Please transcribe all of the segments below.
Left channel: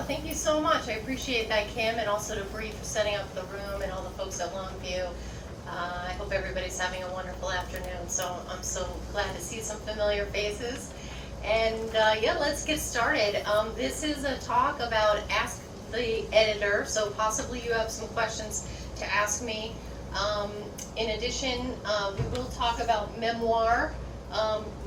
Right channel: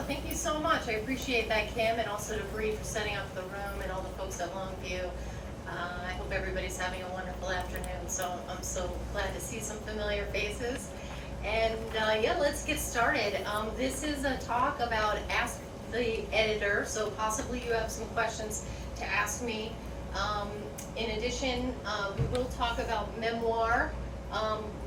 Oh, thank you so much. I appreciate that, Kim, and also to Bree for setting up the room and all the folks at Longview. I hope everybody's having a wonderful afternoon. So I'm so glad to see some familiar faces. And yeah, let's get started. This is a talk about Ask the Editor, so possibly you have some questions to ask me. In addition, we will talk about memoir,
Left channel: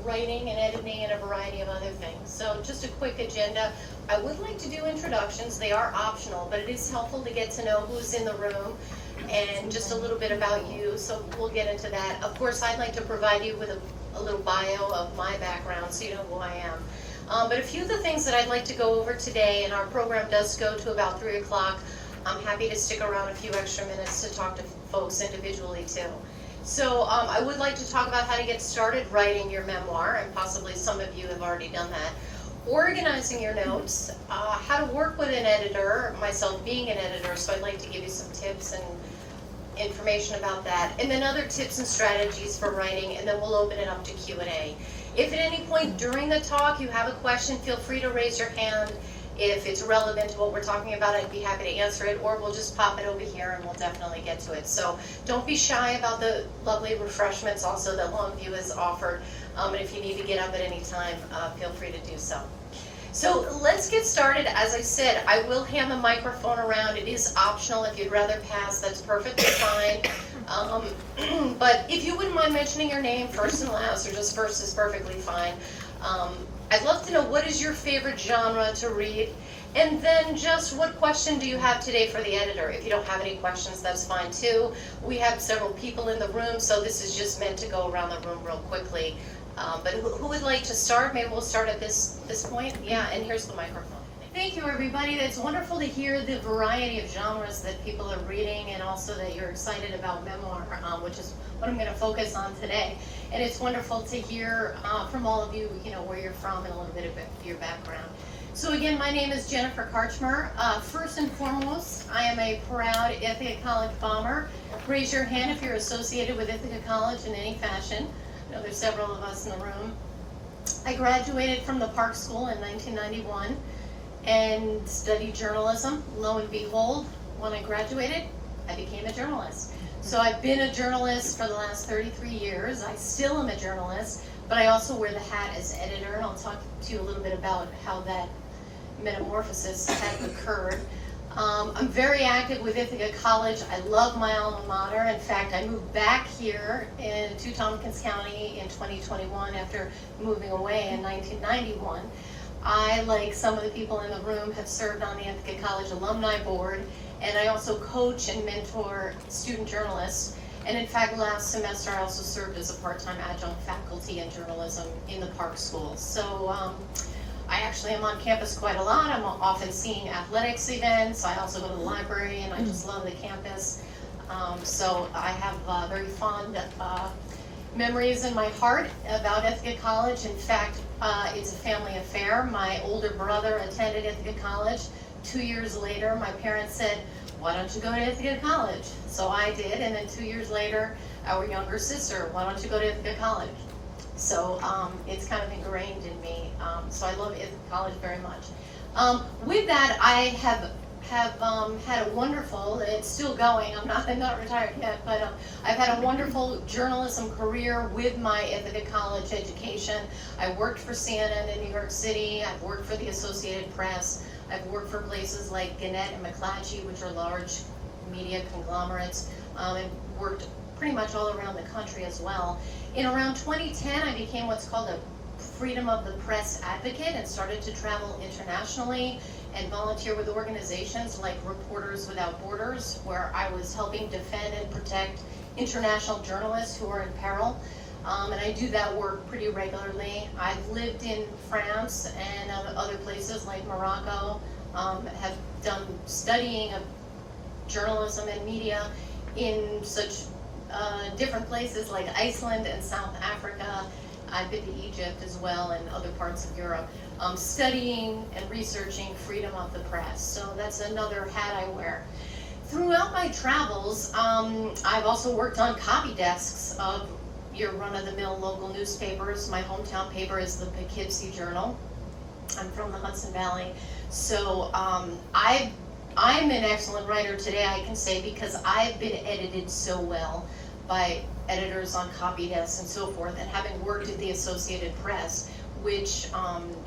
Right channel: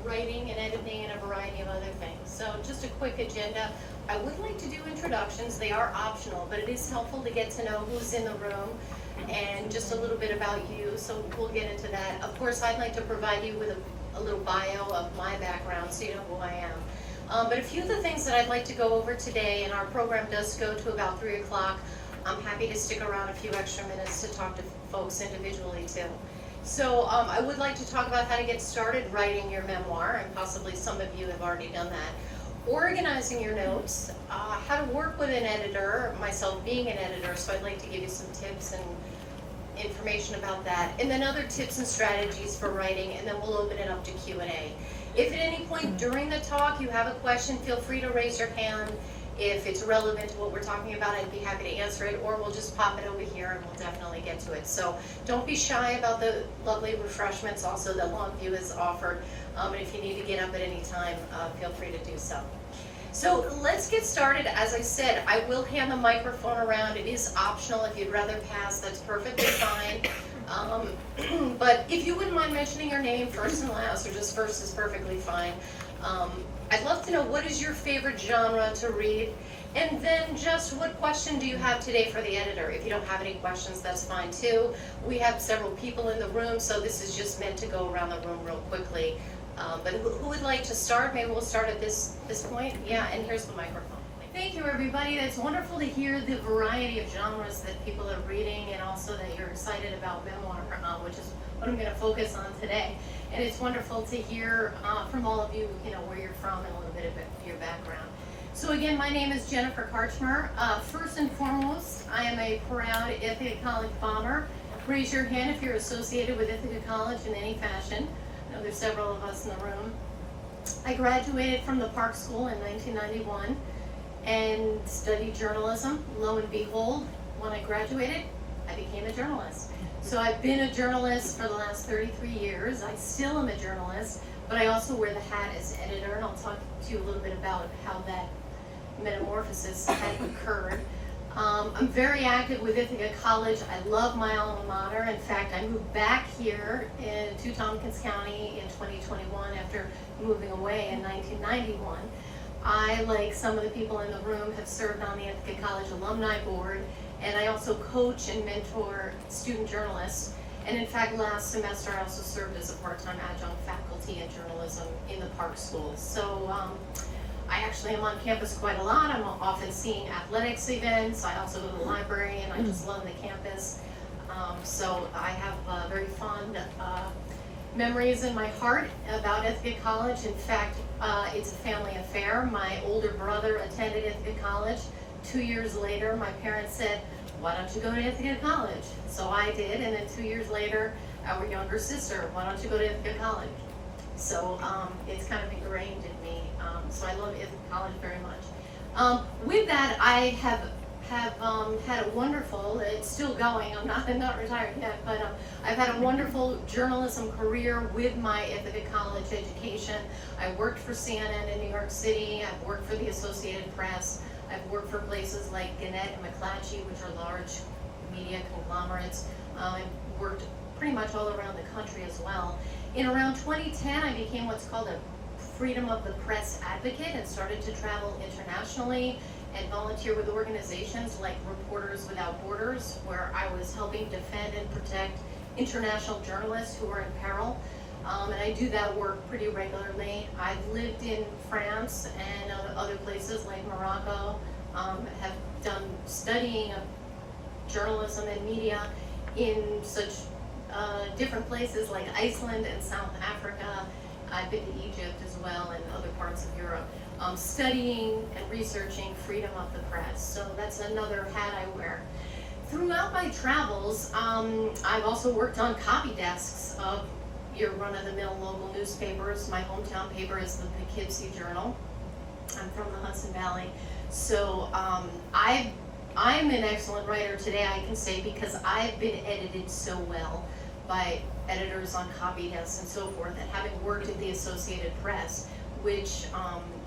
writing and editing, and a variety of other things. So just a quick agenda. I would like to do introductions. They are optional, but it is helpful to get to know who's in the room and just a little bit about you, so we'll get into that. Of course, I'd like to provide you with a little bio of my background so you know who I am. But a few of the things that I'd like to go over today, and our program does go to about 3 o'clock. I'm happy to stick around a few extra minutes to talk to folks individually too. So I would like to talk about how to get started writing your memoir, and possibly some of you have already done that. Organizing your notes, how to work with an editor, myself being an editor, so I'd like to give you some tips and information about that, and then other tips and strategies for writing, and then we'll open it up to Q&A. If at any point during the talk you have a question, feel free to raise your hand. If it's relevant to what we're talking about, I'd be happy to answer it, or we'll just pop it over here and we'll definitely get to it. So don't be shy about the lovely refreshments also that Longview has offered. And if you need to get up at any time, feel free to do so. So let's get started. As I said, I will hand the microphone around. It is optional. If you'd rather pass, that's perfectly fine. But if you wouldn't mind mentioning your name first and last, or just first is perfectly fine. I'd love to know, what is your favorite genre to read? And then just what question do you have today for the editor? If you don't have any questions, that's fine too. We have several people in the room, so this is just meant to go around the room real quickly. But who would like to start? Maybe we'll start at this point. Yeah, and here's the microphone. Thank you, everybody. It's wonderful to hear the variety of genres that people are reading, and also that you're excited about memoir, which is what I'm going to focus on today. And it's wonderful to hear from all of you, where you're from and a little bit of your background. So again, my name is Jennifer Karchmer. First and foremost, I am a proud Ithaca College bomber. Raise your hand if you're associated with Ithaca College in any fashion. I know there's several of us in the room. I graduated from the Park School in 1991 and studied journalism. Lo and behold, when I graduated, I became a journalist. So I've been a journalist for the last 33 years. I still am a journalist, but I also wear the hat as editor, and I'll talk to you a little bit about how that metamorphosis had occurred. I'm very active with Ithaca College. I love my alma mater. In fact, I moved back here to Tompkins County in 2021 after moving away in 1991. I, like some of the people in the room, have served on the Ithaca College Alumni Board, and I also coach and mentor student journalists. And in fact, last semester I also served as a part-time adjunct faculty in journalism in the Park School. So I actually am on campus quite a lot. I'm often seeing athletics events. I also go to the library, and I just love the campus. So I have very fond memories in my heart about Ithaca College. In fact, it's a family affair. My older brother attended Ithaca College. 2 years later, my parents said, "Why don't you go to Ithaca College?" So I did, and then 2 years later, our younger sister, "Why don't you go to Ithaca College?" So it's kind of ingrained in me. So I love Ithaca College very much. With that, I have had a wonderful, it's still going, I'm not retired yet, but I've had a wonderful journalism career with my Ithaca College education. I worked for CNN in New York City. I've worked for the Associated Press. I've worked for places like Gannett and McClatchy, which are large media conglomerates, and worked pretty much all around the country as well. In around 2010, I became what's called a Freedom of the Press advocate and started to travel internationally and volunteer with organizations like Reporters Without Borders, where I was helping defend and protect international journalists who are in peril. And I do that work pretty regularly. I've lived in France and other places like Morocco, have done studying of journalism and media in such different places like Iceland and South Africa. I've been to Egypt as well and other parts of Europe, studying and researching freedom of the press. So that's another hat I wear. Throughout my travels, I've also worked on copy desks of your run-of-the-mill local newspapers. My hometown paper is the Poughkeepsie Journal. I'm from the Hudson Valley. So I'm an excellent writer today, I can say, because I've been edited so well by editors on copy desks and so forth, and having worked at the Associated Press, which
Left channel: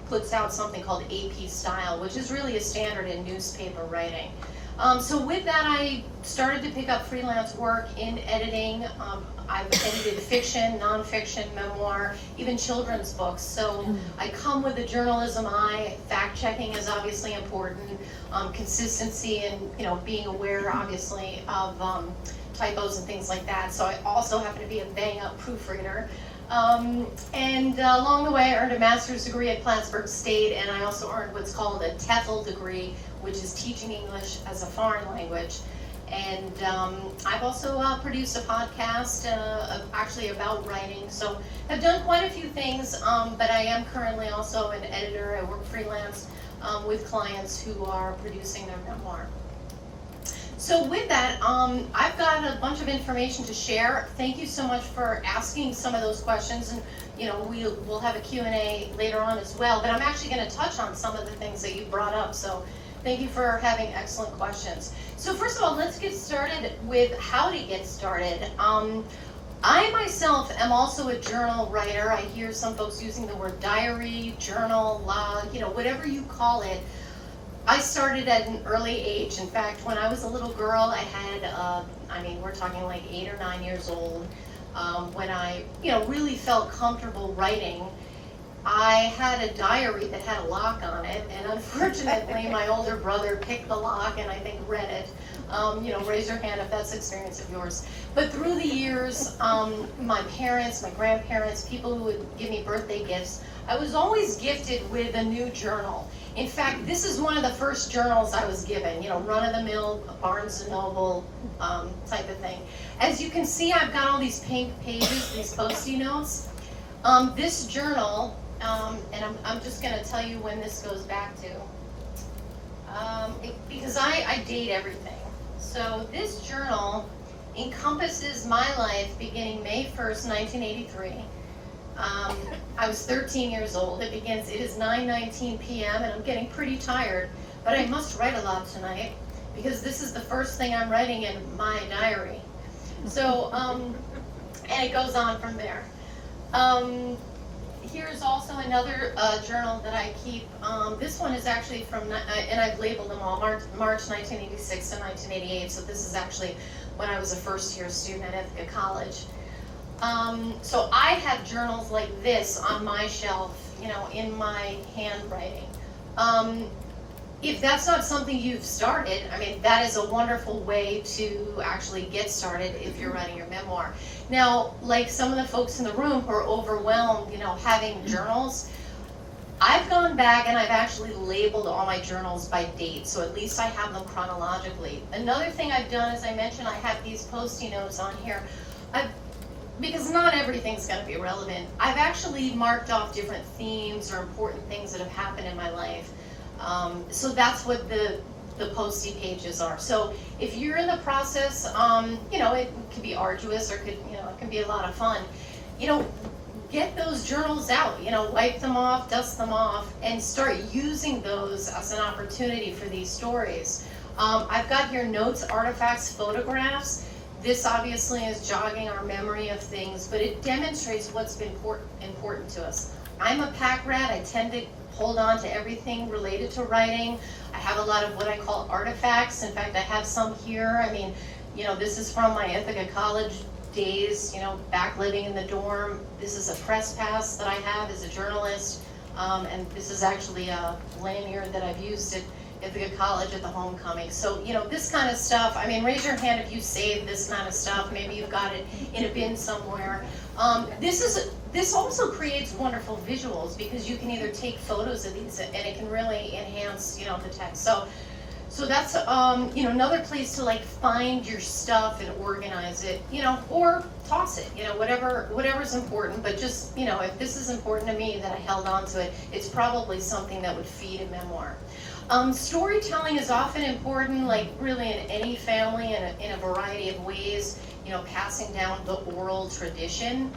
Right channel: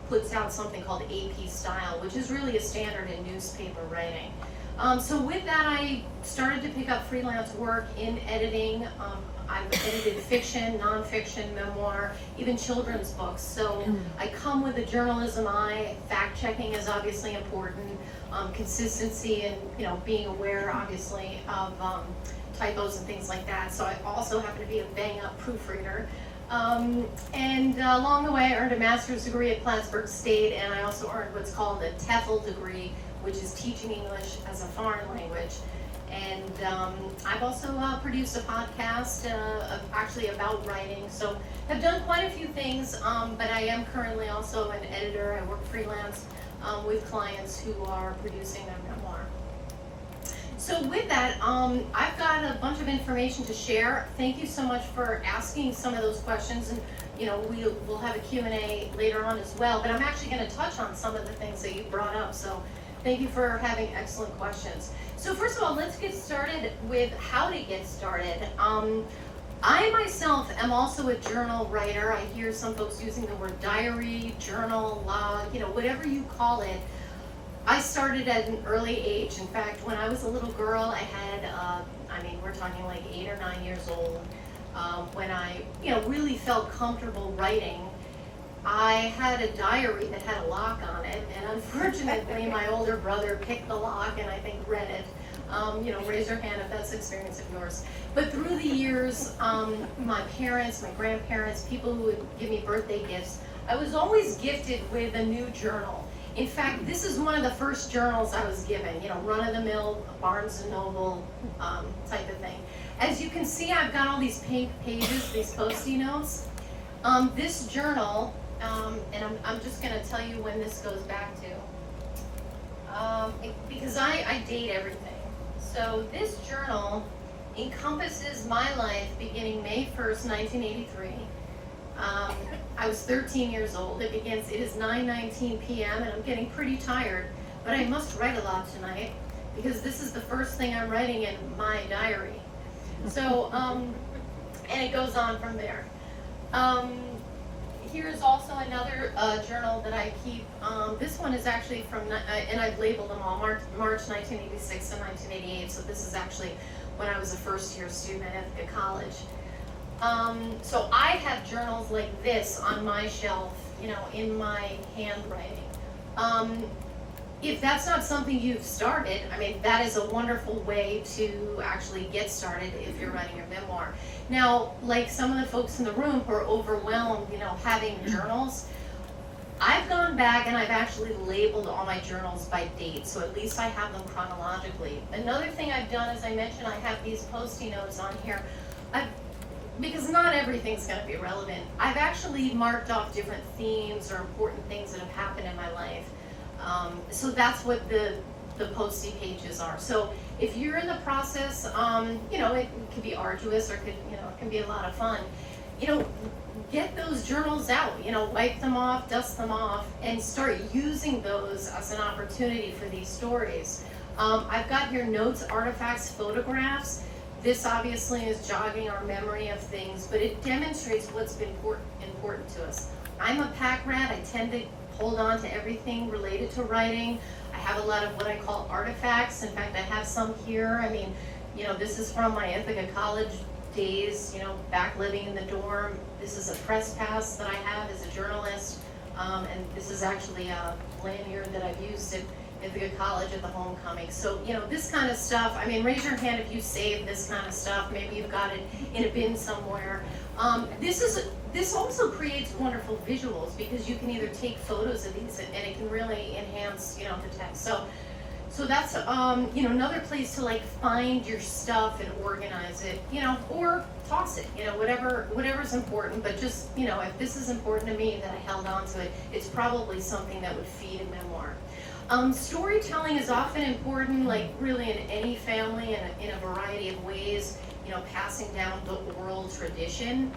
puts out something called AP Style, which is really a standard in newspaper writing. So with that, I started to pick up freelance work in editing. I've edited fiction, nonfiction, memoir, even children's books. So I come with a journalism eye. Fact checking is obviously important. Consistency and being aware, obviously, of typos and things like that. So I also happen to be a bang-up proofreader. And along the way, I earned a master's degree at Plattsburgh State, and I also earned what's called a TEFL degree, which is teaching English as a foreign language. And I've also produced a podcast actually about writing, so I've done quite a few things, but I am currently also an editor. I work freelance with clients who are producing their memoir. So with that, I've got a bunch of information to share. Thank you so much for asking some of those questions, and we'll have a Q&A later on as well, but I'm actually going to touch on some of the things that you brought up, so thank you for having excellent questions. So first of all, let's get started with how to get started. I myself am also a journal writer. I hear some folks using the word diary, journal, log, whatever you call it. I started at an early age. In fact, when I was a little girl, I had, we're talking like 8 or 9 years old, when I, really felt comfortable writing. I had a diary that had a lock on it, and unfortunately, my older brother picked the lock and I think read it. Raise your hand if that's the experience of yours. But through the years, my parents, my grandparents, people who would give me birthday gifts, I was always gifted with a new journal. In fact, this is one of the first journals I was given, run-of-the-mill, Barnes & Noble type of thing. As you can see, I've got all these pink pages, these Post-it notes. This journal, and I'm just going to tell you when this goes back to, because I date everything. So this journal encompasses my life beginning May 1st, 1983. I was 13 years old. It is 9:19 p.m. and I'm getting pretty tired, but I must write a lot tonight because this is the first thing I'm writing in my diary. So, and it goes on from there. Here's also another journal that I keep. This one is actually from, and I've labeled them all, March 1986 to 1988, so this is actually when I was a first-year student at Ithaca College. So I have journals like this on my shelf, in my handwriting. If that's not something you've started, that is a wonderful way to actually get started if you're writing your memoir. Now, like some of the folks in the room who are overwhelmed, having journals, I've gone back and I've actually labeled all my journals by date, so at least I have them chronologically. Another thing I've done, as I mentioned, I have these Post-it notes on here. Because not everything's going to be relevant, I've actually marked off different themes or important things that have happened in my life. So that's what the Post-it pages are. So if you're in the process, it can be arduous or it can be a lot of fun. Get those journals out, wipe them off, dust them off, and start using those as an opportunity for these stories. I've got here notes, artifacts, photographs. This obviously is jogging our memory of things, but it demonstrates what's been important to us. I'm a pack rat. I tend to hold on to everything related to writing. I have a lot of what I call artifacts. In fact, I have some here. This is from my Ithaca College days, back living in the dorm. This is a press pass that I have as a journalist, and this is actually a lanyard that I've used at Ithaca College at the homecoming. So, this kind of stuff, raise your hand if you save this kind of stuff. Maybe you've got it in a bin somewhere. This also creates wonderful visuals because you can either take photos of these and it can really enhance, the text. So that's, another place to find your stuff and organize it, or toss it, whatever's important. But just, if this is important to me that I held on to it, it's probably something that would feed a memoir. Storytelling is often important, really in any family in a variety of ways, passing down the oral tradition,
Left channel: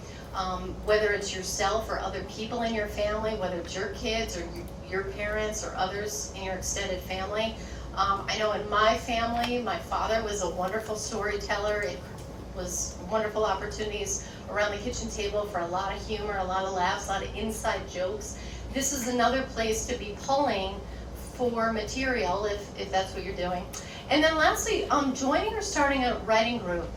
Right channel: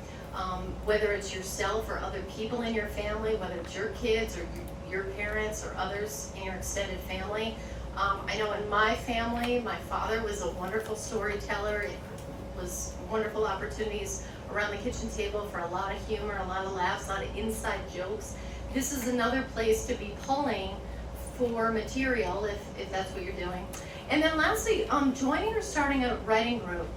whether it's yourself or other people in your family, whether it's your kids or your parents or others in your extended family. I know in my family, my father was a wonderful storyteller. It was wonderful opportunities around the kitchen table for a lot of humor, a lot of laughs, a lot of inside jokes. This is another place to be pulling for material if that's what you're doing. And then lastly, joining or starting a writing group.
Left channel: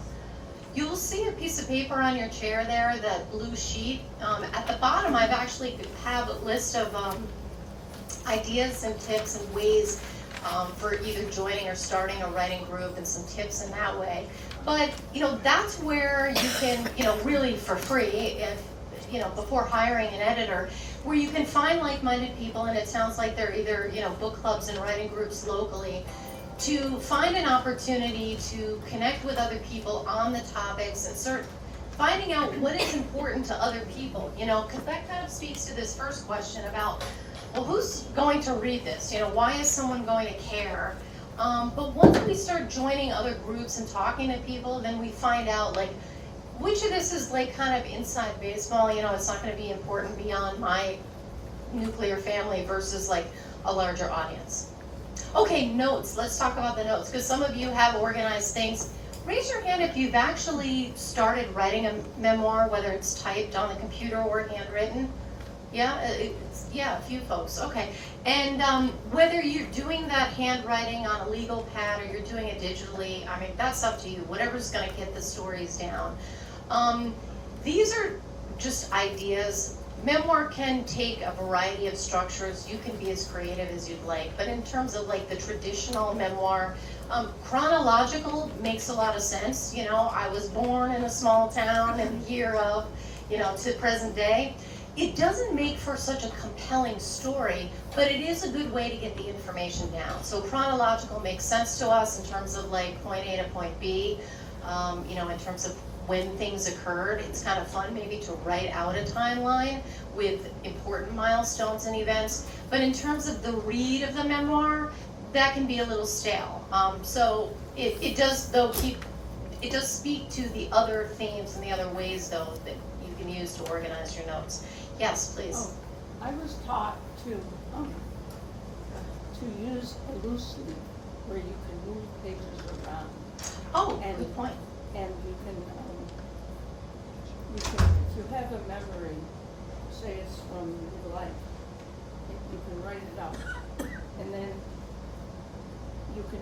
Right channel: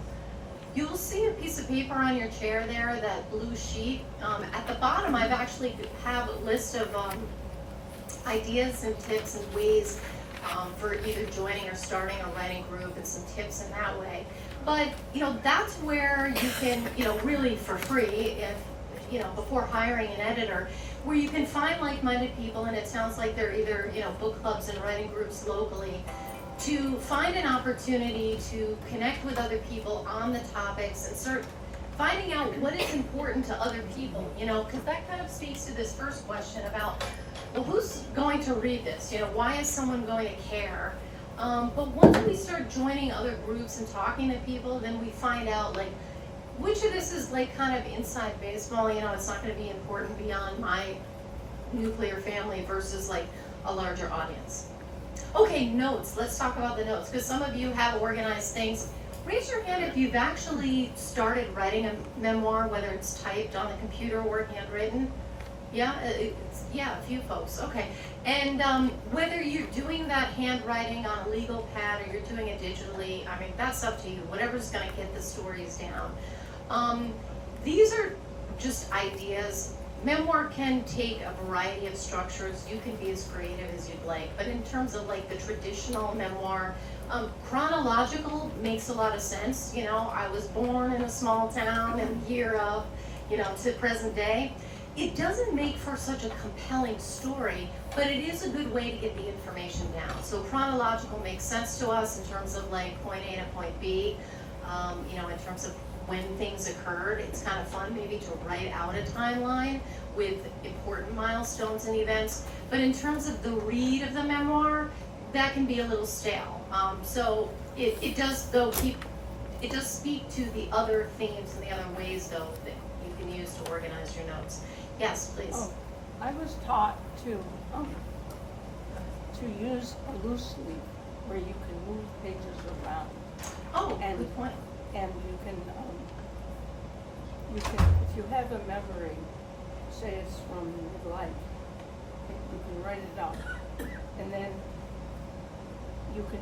You'll see a piece of paper on your chair there, that blue sheet. At the bottom, I've actually have a list of ideas and tips and ways for either joining or starting a writing group, and some tips in that way. But that's where you can, really for free, if before hiring an editor, where you can find like-minded people, and it sounds like they're either book clubs and writing groups locally, to find an opportunity to connect with other people on the topics and start finding out what is important to other people, because that kind of speaks to this first question about, well, who's going to read this? Why is someone going to care? But once we start joining other groups and talking to people, then we find out, like, which of this is like kind of inside baseball, it's not going to be important beyond my nuclear family versus like a larger audience. Okay, notes. Let's talk about the notes, because some of you have organized things. Raise your hand if you've actually started writing a memoir, whether it's typed on the computer or handwritten. Yeah, a few folks. Okay, and whether you're doing that handwriting on a legal pad or you're doing it digitally, I mean, that's up to you. Whatever's going to get the stories down. These are just ideas. Memoir can take a variety of structures. You can be as creative as you'd like. But in terms of like the traditional memoir, chronological makes a lot of sense. I was born in a small town and year of, to present day. It doesn't make for such a compelling story, but it is a good way to get the information down. So chronological makes sense to us in terms of like point A to point B, in terms of when things occurred. It's kind of fun maybe to write out a timeline with important milestones and events. But in terms of the read of the memoir, that can be a little stale. So it does speak to the other themes and the other ways though that you can use to organize your notes. Yes, please. Oh, I was taught to use a loose leaf where you can move pages around. Oh, good point. And you can, if you have a memory, say it's from your life, you can write it out, and then you can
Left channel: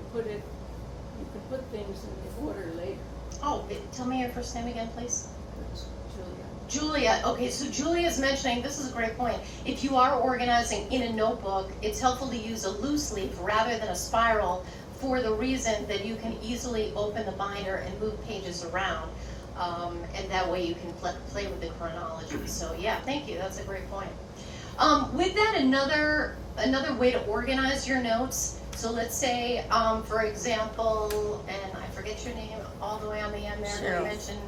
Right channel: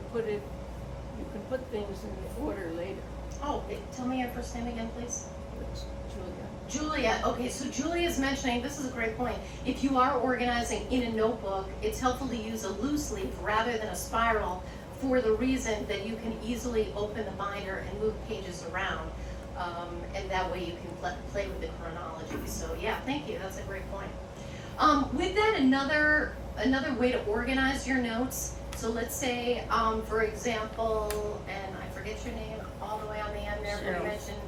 put things in the order later. Oh, tell me your first name again, please. It's Julia. Julia, okay, so Julia's mentioning, this is a great point. If you are organizing in a notebook, it's helpful to use a loose leaf rather than a spiral, for the reason that you can easily open the binder and move pages around. And that way you can play with the chronology. So yeah, thank you, that's a great point. With that, another way to organize your notes. So let's say, for example, and I forget your name all the way on the end there, but you mentioned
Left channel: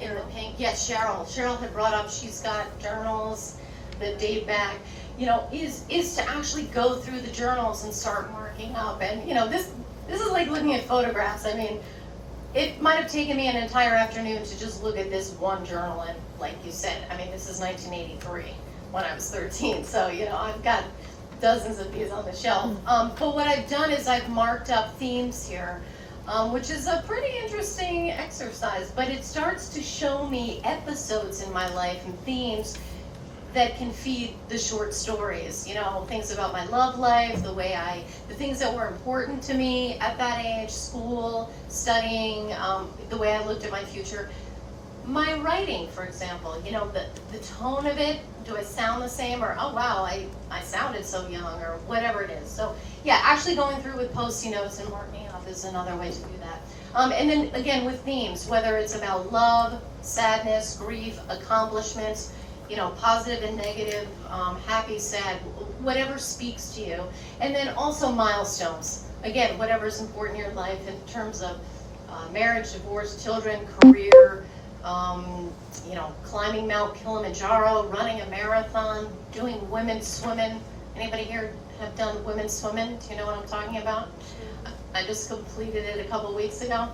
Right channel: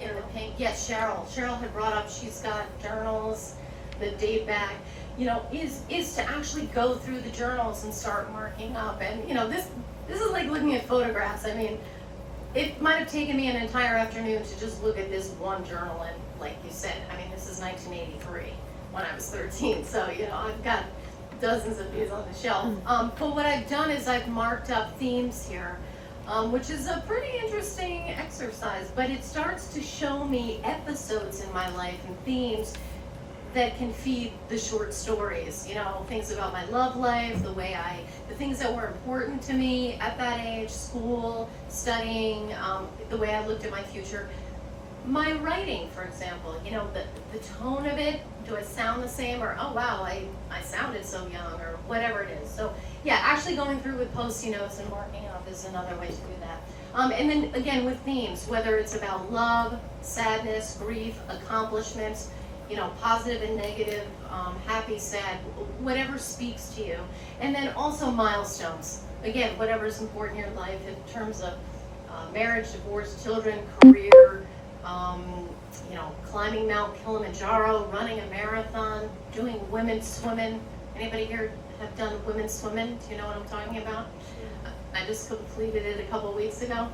in the pink, yes, Cheryl. Cheryl had brought up, she's got journals that date back. Is to actually go through the journals and start marking up. And this is like looking at photographs. I mean, it might have taken me an entire afternoon to just look at this one journal. And like you said, I mean, this is 1983 when I was 13. So I've got dozens of these on the shelf. But what I've done is I've marked up themes here, which is a pretty interesting exercise. But it starts to show me episodes in my life and themes that can feed the short stories, things about my love life, the things that were important to me at that age, school, studying, the way I looked at my future. My writing, for example, the tone of it, do I sound the same, or, oh wow, I sounded so young, or whatever it is. So yeah, actually going through with Post-it notes and marking up is another way to do that. And then again with themes, whether it's about love, sadness, grief, accomplishments, positive and negative, happy, sad, whatever speaks to you. And then also milestones. Again, whatever's important in your life in terms of marriage, divorce, children, career, climbing Mount Kilimanjaro, running a marathon, doing women's swimming. Anybody here have done women's swimming? Do you know what I'm talking about? I just completed it a couple weeks ago.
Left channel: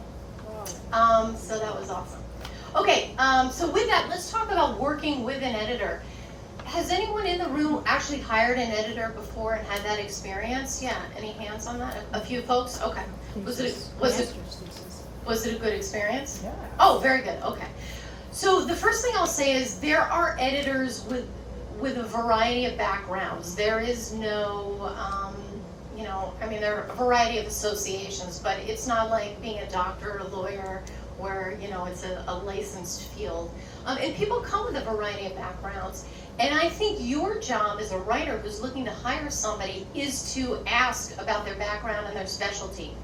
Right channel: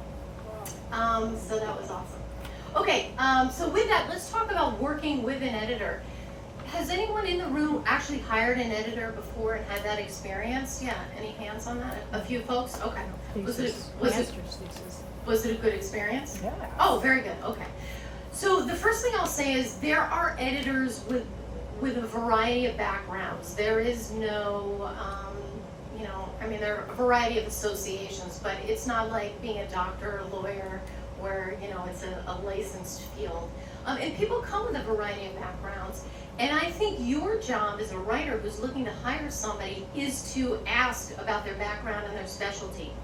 So that was awesome. Okay, so with that, let's talk about working with an editor. Has anyone in the room actually hired an editor before and had that experience? Yeah, any hands on that? A few folks? Okay. Was it a good experience? Yeah. Oh, very good, okay. So the first thing I'll say is there are editors with a variety of backgrounds. There is no, there are a variety of associations, but it's not like being a doctor or lawyer where, it's a licensed field. And people come with a variety of backgrounds. And I think your job as a writer who's looking to hire somebody is to ask about their background and their specialty.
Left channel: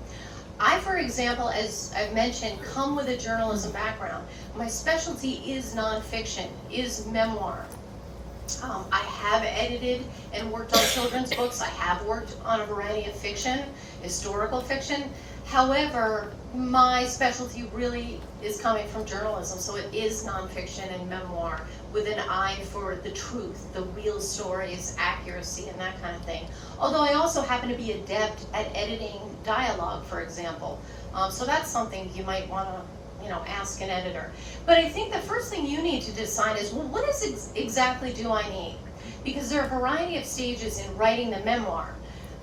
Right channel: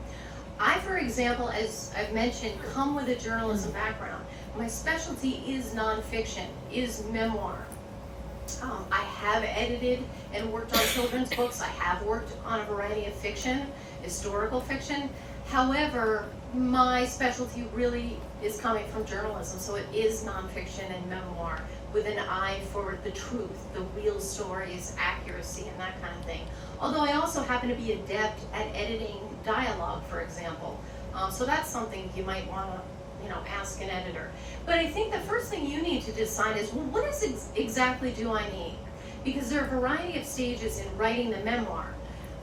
I, for example, as I've mentioned, come with a journalism background. My specialty is nonfiction, is memoir. I have edited and worked on children's books. I have worked on a variety of fiction, historical fiction. However, my specialty really is coming from journalism, so it is nonfiction and memoir with an eye for the truth, the real stories, accuracy, and that kind of thing. Although I also happen to be adept at editing dialogue, for example. So that's something you might want to ask an editor. But I think the first thing you need to decide is, well, what exactly do I need? Because there are a variety of stages in writing the memoir.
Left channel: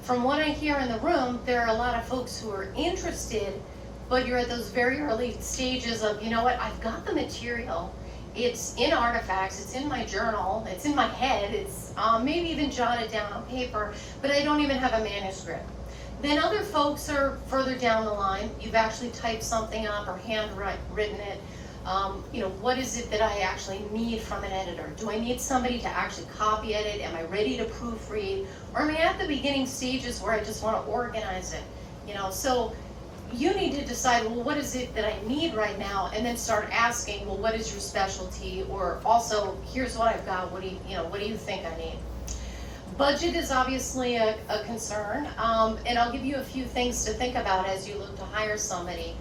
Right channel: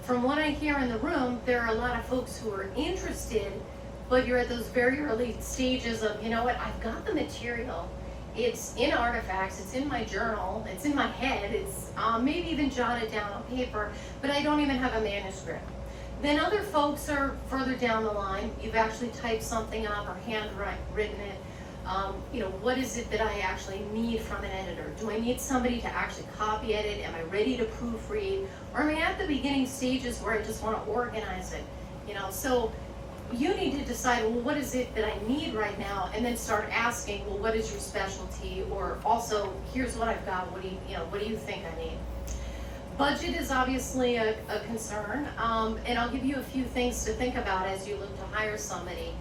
From what I hear in the room, there are a lot of folks who are interested, but you're at those very early stages of, I've got the material. It's in artifacts, it's in my journal, it's in my head, it's maybe even jotted down on paper, but I don't even have a manuscript. Then other folks are further down the line. You've actually typed something up or handwritten it. What is it that I actually need from an editor? Do I need somebody to actually copy edit? Am I ready to proofread? Or am I at the beginning stages where I just want to organize it? So you need to decide, well, what is it that I need right now? And then start asking, well, what is your specialty? Or also, here's what I've got. What do you think I need? Budget is obviously a concern, and I'll give you a few things to think about as you look to hire somebody.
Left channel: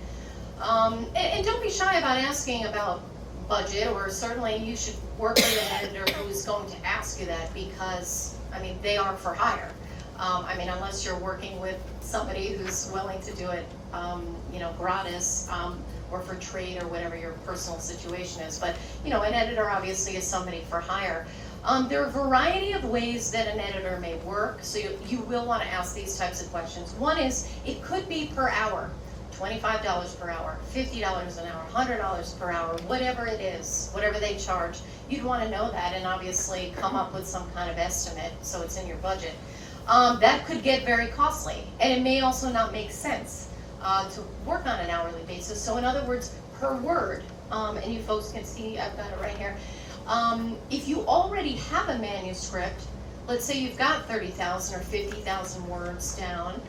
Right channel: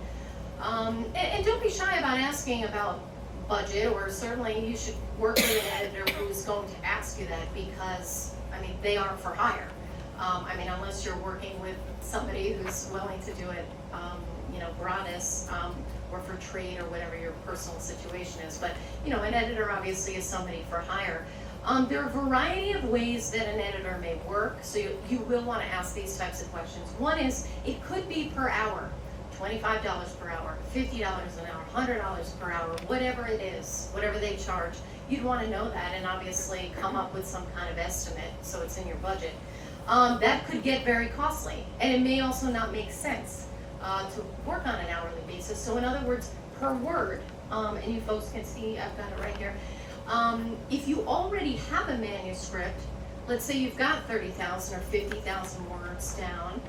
And don't be shy about asking about budget, or certainly you should work with an editor who's going to ask you that, because, they are for hire. Unless you're working with somebody who's willing to do it, gratis, or for trade or whatever your personal situation is. But, an editor obviously is somebody for hire. There are a variety of ways that an editor may work, so you will want to ask these types of questions. One is, it could be per hour, $25 per hour, $50 an hour, $100 per hour, whatever it is, whatever they charge. You'd want to know that and obviously come up with some kind of estimate so it's in your budget. That could get very costly, and it may also not make sense to work on an hourly basis. So in other words, per word, and you folks can see, I've got it right here. If you already have a manuscript, let's say you've got 30,000 or 50,000 words down,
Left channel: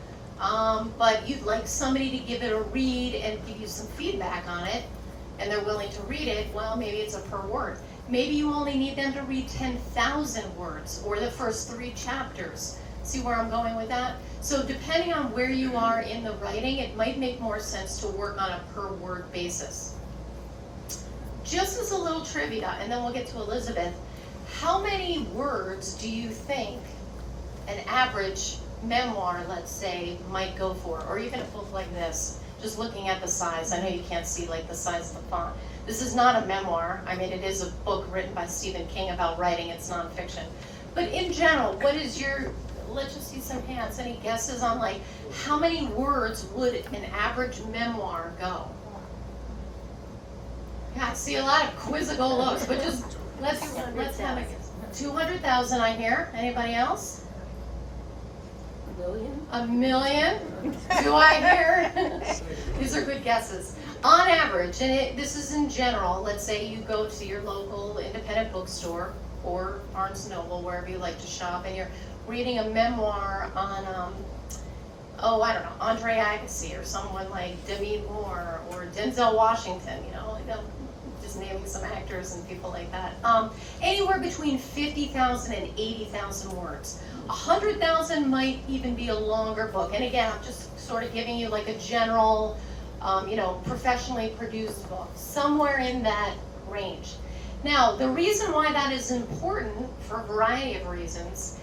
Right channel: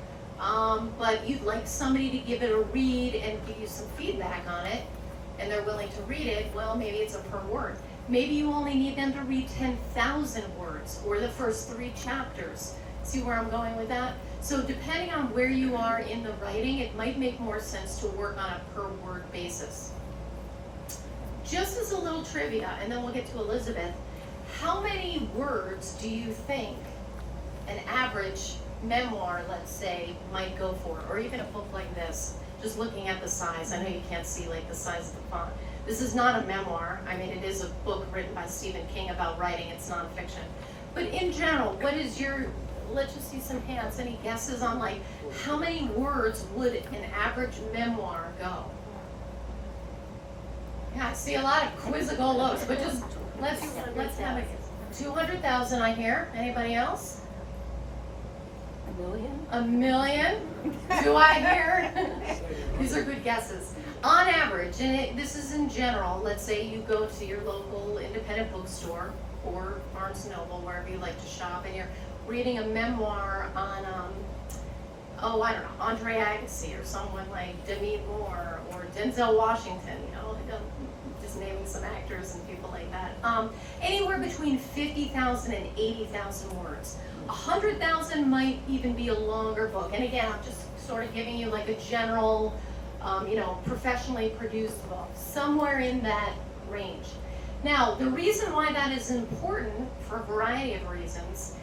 but you'd like somebody to give it a read and give you some feedback on it, and they're willing to read it, well, maybe it's a per word. Maybe you only need them to read 10,000 words, or the first 3 chapters. See where I'm going with that? So depending on where you are in the writing, it might make more sense to work on a per word basis. Just as a little trivia, and then we'll get to Elizabeth, how many words do you think an average memoir, let's say, might go for? Or even a book like this, just looking at the size. I know you can't see like the size of the font. This is not a memoir. It is a book written by Stephen King about writing. It's nonfiction. But in general, what is let's just see some hands. Any guesses on how many words would an average memoir go? Yeah, I see a lot of quizzical looks, but just let's have it. 200,000 I hear. Anybody else? $1 million? $1 million? Do I hear? These are good guesses. On average, and this is in general, let's say you go to your local independent bookstore or Barnes & Noble, wherever you like to shop, and you're reading a memoir on, Andre Agassi, or someone like Demi Moore or Denzel Washington, just naming some actors and people like that. Anywhere between 50,000 and 80,000 words. 100,000 might even be a longer book. And again, I'm just sort of giving you a general, professionally produced book, somewhere in that range. Now, the reason why that is important, for a variety of reasons,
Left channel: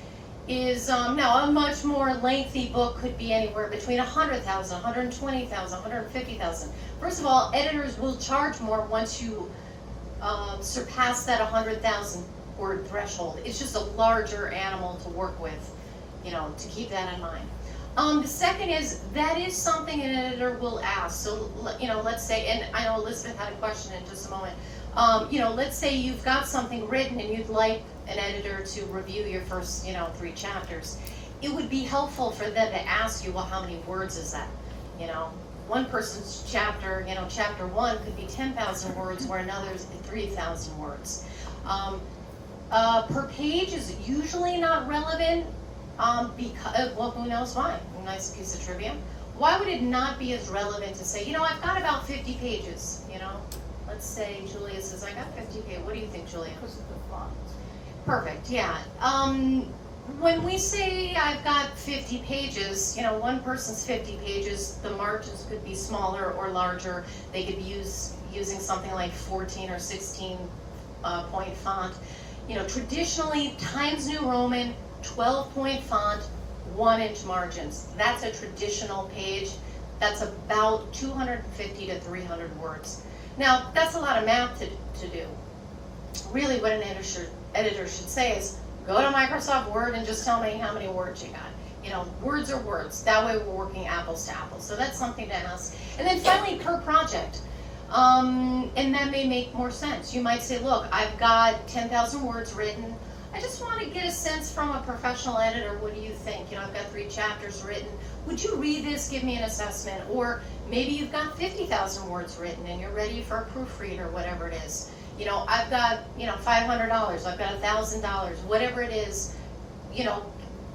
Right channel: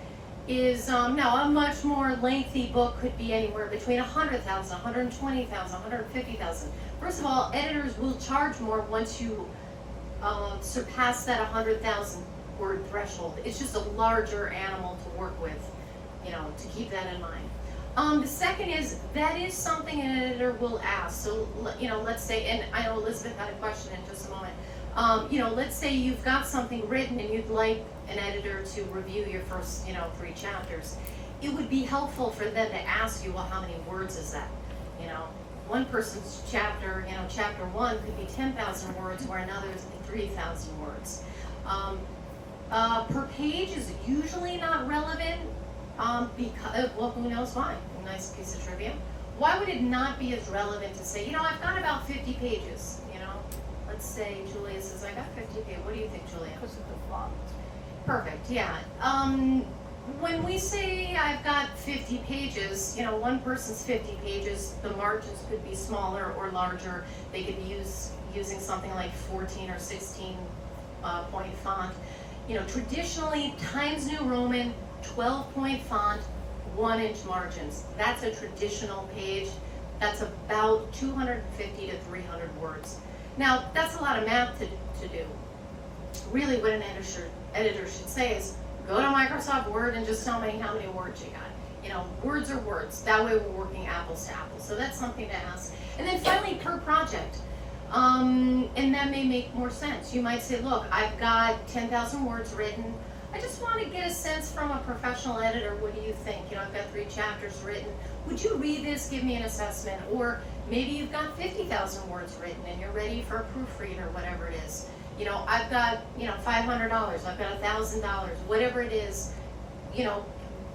is now a much more lengthy book could be anywhere between 100,000, 120,000, 150,000. First of all, editors will charge more once you surpass that 100,000 word threshold. It's just a larger animal to work with, you know, to keep that in mind. The second is, that is something an editor will ask. So, you know, let's say, and I know Elizabeth had a question in just a moment. You know, let's say you've got something written and you'd like an editor to review your first, you know, 3 chapters. It would be helpful for them to ask you, well, how many words is that? You know, one person's chapter, you know, chapter 1 could be 10,000 words, where another's 3,000 words. Per page is usually not relevant, because, well, who knows why? Nice piece of trivia. Why would it not be as relevant to say, you know, I've got about 50 pages, you know? Let's say Julia says, I got 50 pages. What do you think, Julia? Because of the font. Perfect, yeah. When we say I've got 50 pages, you know, one person's 50 pages, the margins could be smaller or larger. They could be using something like 14 or 16 point font. You know, traditionally, Times New Roman, 12-point font, 1-inch margins. That's a traditional page. That's about 250 to 300 words. Now, that's a lot of math to do. Really, what an editor should say is, go to Microsoft Word and just tell me how many words you got. You know, words are words. That way we're working apples to apples. So that's something to ask. And then finally, per project. And that may make more sense. You might say, look, I've got 10,000 words written. I just want to get a sense from a professional editor. What do you think? You know, I've got 3 chapters written. Would you read this, give me an assessment? Or maybe you've got 50,000 words written and you're ready for a proofread or whatever it is. You know, I've got, you know, $500, I've got $1,000, whatever it is, you know,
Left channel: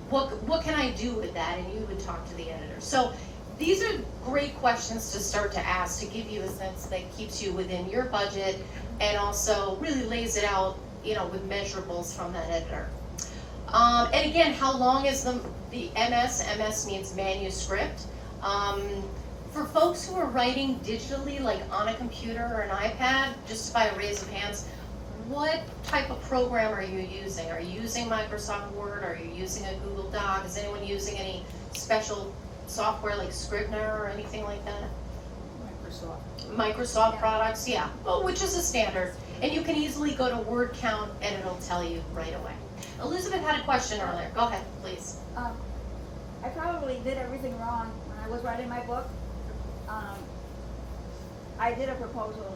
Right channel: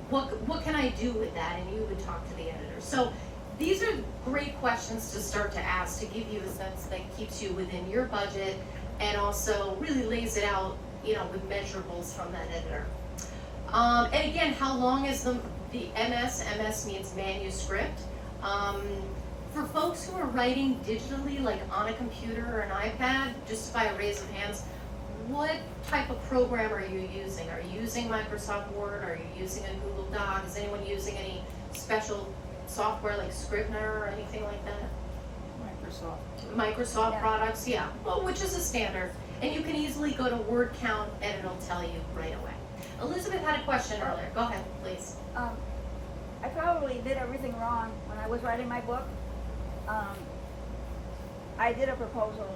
what can I do with that? And you would talk to the editor. So these are great questions to start to ask to give you a sense that keeps you within your budget and also really lays it out, you know, with measurables from that editor. And again, how long is the MS? MS means manuscript. For folks who are writing digitally, like on a computer or an iPad, just by a raise of hands, what type of program are you using? Are you using Microsoft Word? Are you using a Google Doc? Is anyone using any special software like Scrivener or anything like that? Microsoft products, yeah. Well, which is a standard. And you can easily go to word count and it'll tell you right away. Elizabeth had a question earlier. Go ahead, please. I probably did everything wrong when I was writing my book. I did a proposal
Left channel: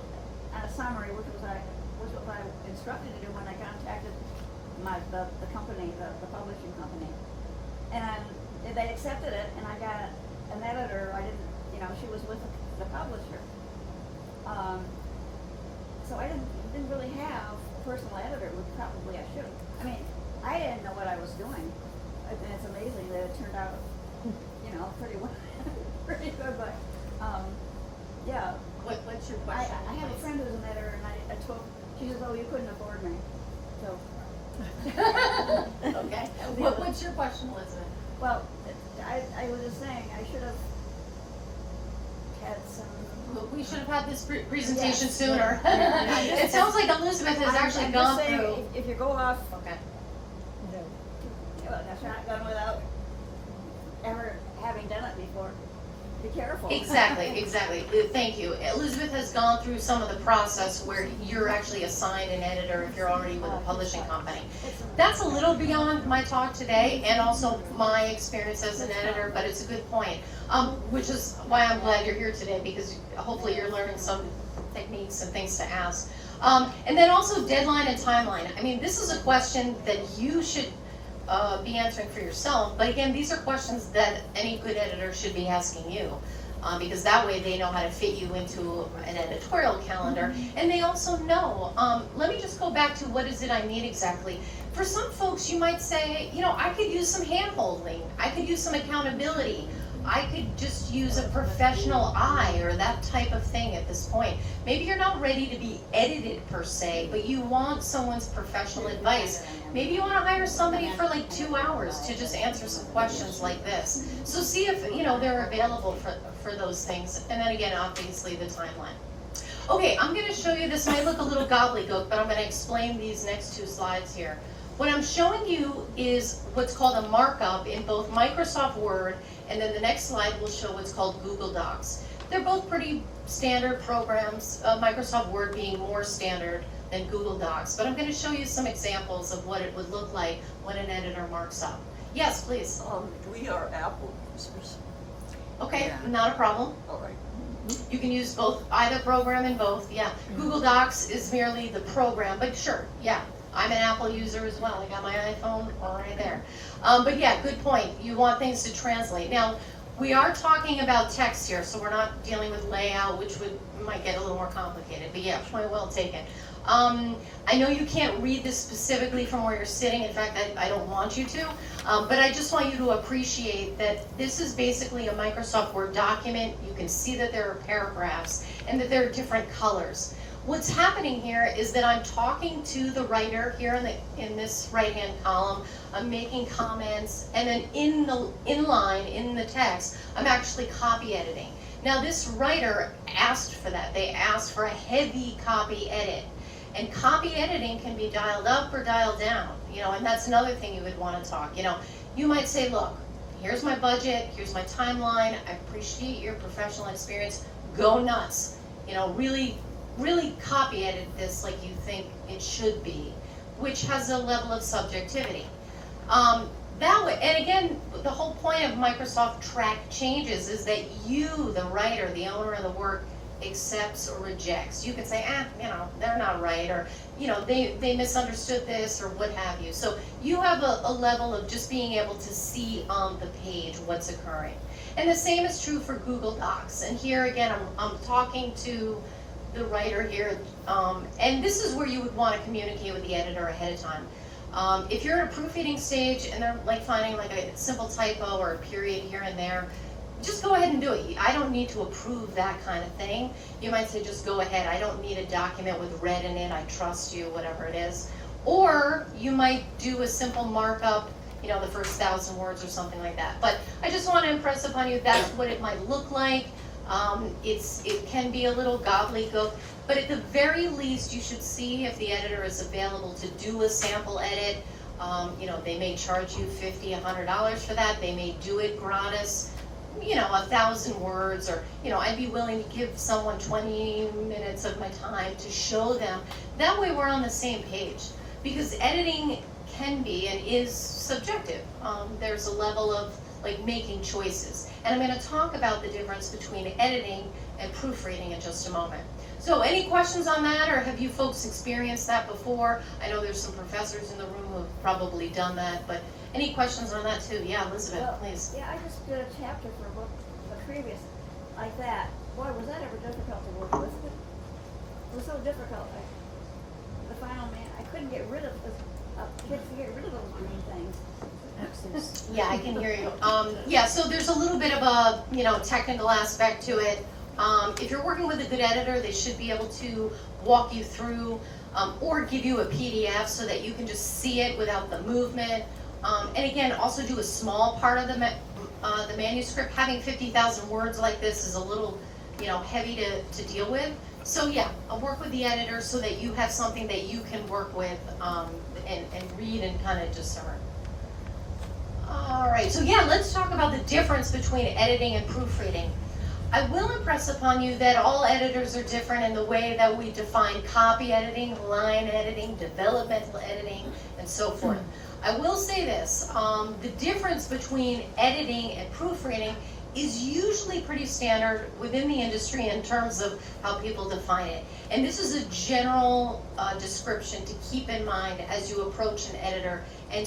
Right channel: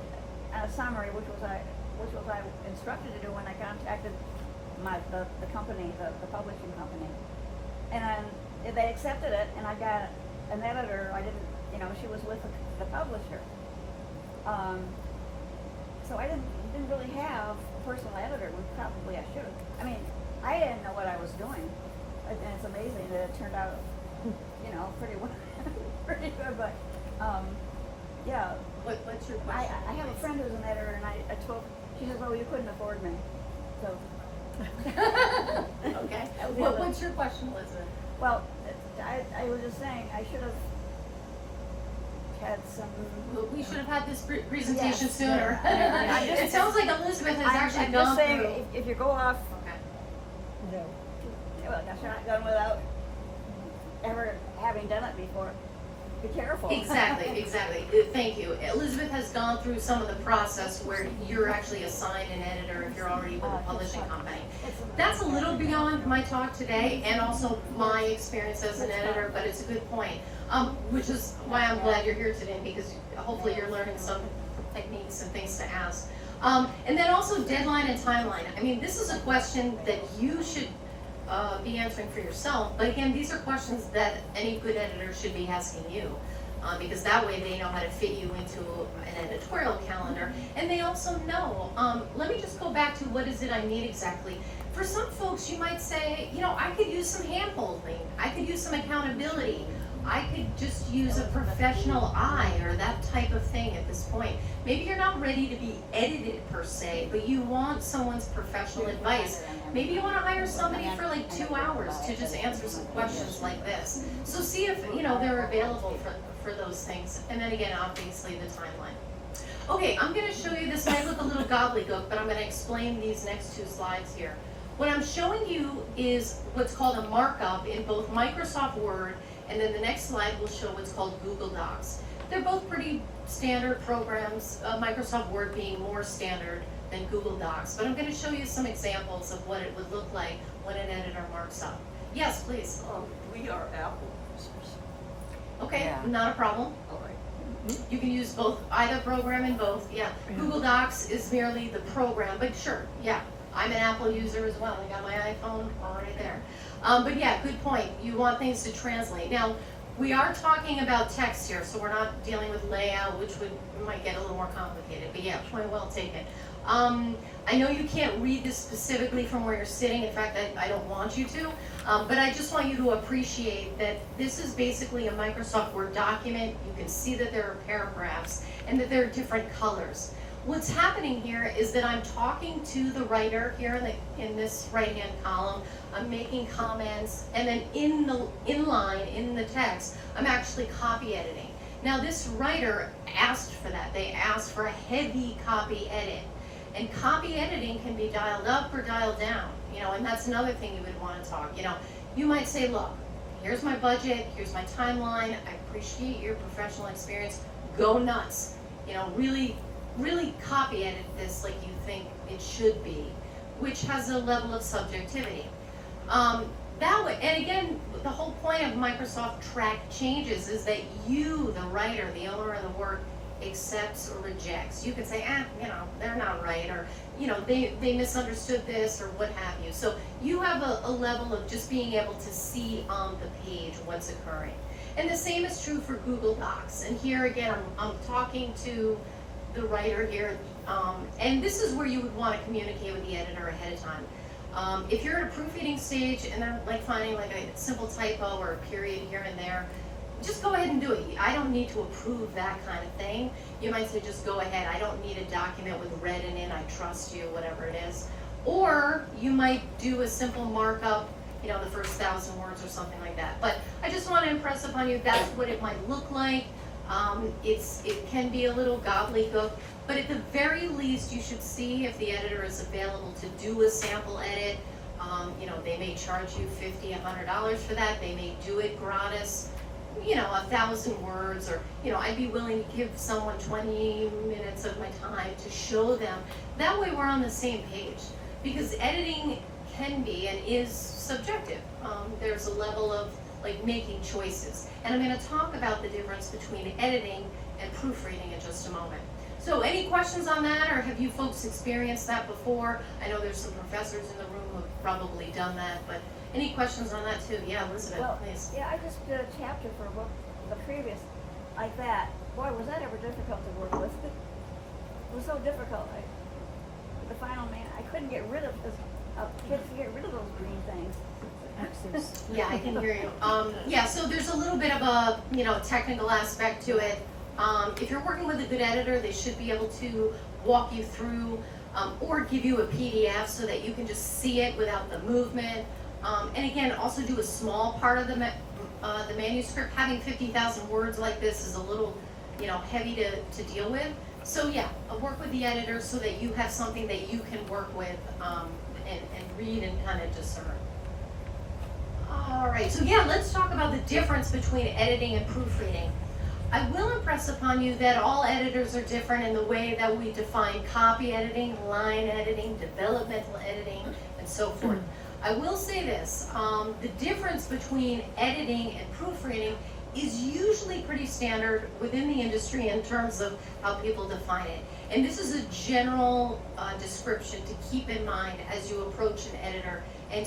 and a summary, which was I instructed to do when I contacted the company, the publishing company. And they accepted it, and I got an editor. I didn't, you know, she was with the publisher. So I didn't really have a personal editor, which probably I should have. I mean, I didn't know what I was doing, and it's amazing that it turned out, you know, pretty well, pretty good. But yeah. What's your question? I have a friend who's an editor, and I told. She says, "Oh, you couldn't afford me." So. Okay. What's your question, Elizabeth? Well, I was just saying I should have had some. We should have had this presentation Yes. sooner. It sounds like Elizabeth has actually I'm gone just saying, through. if you go off Okay. a shotgun without ever having done it before, be careful. Exactly. Thank you. Elizabeth has gone through some of the process where you're actually assigned an editor if you're already with a publishing company. That's a little beyond my talk today and also my experience as an editor, but it's a good point. Which is why I'm glad you're here today, because hopefully you're learning some techniques and things to ask. And then also deadline and timeline. I mean, this is a question that you should be answering for yourself, but again, these are questions that any good editor should be asking you, because that way they know how to fit you into an editorial calendar, and they also know, let me just go back to what is it I need exactly. For some folks, you might say, you know, I could use some hand-holding, I could use some accountability, I could just use a professional eye or that type of thing at this point. Maybe you're not ready to be edited per se, but you want someone's professional advice. Maybe you want to hire somebody for like 2 hours to just answer some questions like this. So see if, you know, they're available for those things. And then again, obviously the timeline. Okay, I'm going to show you, this might look a little gobbledygook, but I'm going to explain these next 2 slides here. What I'm showing you is what's called a markup in both Microsoft Word, and then the next slide will show what's called Google Docs. They're both pretty standard programs, Microsoft Word being more standard than Google Docs, but I'm gonna show you some examples of what it would look like when an editor marks up. Yes, please. We are Apple users. Okay, Yeah. not a problem. All right. You can use both, either program in both, yeah. Google Docs is merely the program, but sure, yeah. I'm an Apple user as well, I got my iPhone right there. But yeah, good point, you want things to translate. Now, we are talking about text here, so we're not dealing with layout, which might get a little more complicated, but yeah, point well taken. I know you can't read this specifically from where you're sitting, in fact, I don't want you to, but I just want you to appreciate that this is basically a Microsoft Word document. You can see that there are paragraphs and that there are different colors. What's happening here is that I'm talking to the writer here in this right-hand column. I'm making comments, and then in the text, I'm actually copy editing. Now this writer asked for that. They asked for a heavy copy edit. And copy editing can be dialed up or dialed down, and that's another thing you would want to talk. You might say, look, here's my budget, here's my timeline, I appreciate your professional experience, go nuts. Really copy edit this like you think it should be, which has a level of subjectivity. That way, and again, the whole point of Microsoft Track changes is that you, the writer, the owner of the work, accepts or rejects. You can say, they're not right, or, they misunderstood this, or what have you. So you have a level of just being able to see on the page what's occurring. And the same is true for Google Docs. And here again, I'm talking to the writer here, and this is where you would want to communicate with the editor ahead of time. If you're at a proofreading stage and they're finding a simple typo or a period here and there, just go ahead and do it. I don't need to approve that kind of thing. You might say, just go ahead. I don't need a document with red in it. I trust you, whatever it is. Or you might do a simple markup, the first 1,000 words or something like that. But I just want to impress upon you that's what it might look like. It can be a little gobbledygook, but at the very least, you should see if the editor is available to do a sample edit. They may charge you $50, $100 for that. They may do it gratis. 1,000 words, or, I'd be willing to give someone 20 minutes of my time to show them. That way we're on the same page, because editing can be and is subjective. There's a level of making choices. And I'm going to talk about the difference between editing and proofreading in just a moment. So any questions on that, or have you folks experienced that before? I know there's some professors in the room who've probably done that, but any questions on that too? Yeah, Elizabeth, please. Yeah, I just did a chapter for a book, the previous, like that. Boy, was that ever difficult to work with. It was so difficult. The final name, I couldn't get rid of this. Kids get rid of those green things. Yeah, I can hear you. Yeah, so there's a little bit of a technical aspect to it. If you're working with a good editor, they should be able to walk you through or give you a PDF so that you can just see it without the movement. And again, also do a small part of the manuscript. Having 50,000 words like this is a little, heavy to deal with. So yeah, I'll work with the editor so that you have something that you can work with and read and kind of discern. All right, so yeah, let's talk about the difference between editing and proofreading. I will impress upon you that all editors are different in the way that we define copy editing, line editing, developmental editing, and so forth. I will say this, the difference between editing and proofreading is usually pretty standard within the industry in terms of how people define it. And this is a general description to keep in mind as you approach an editor and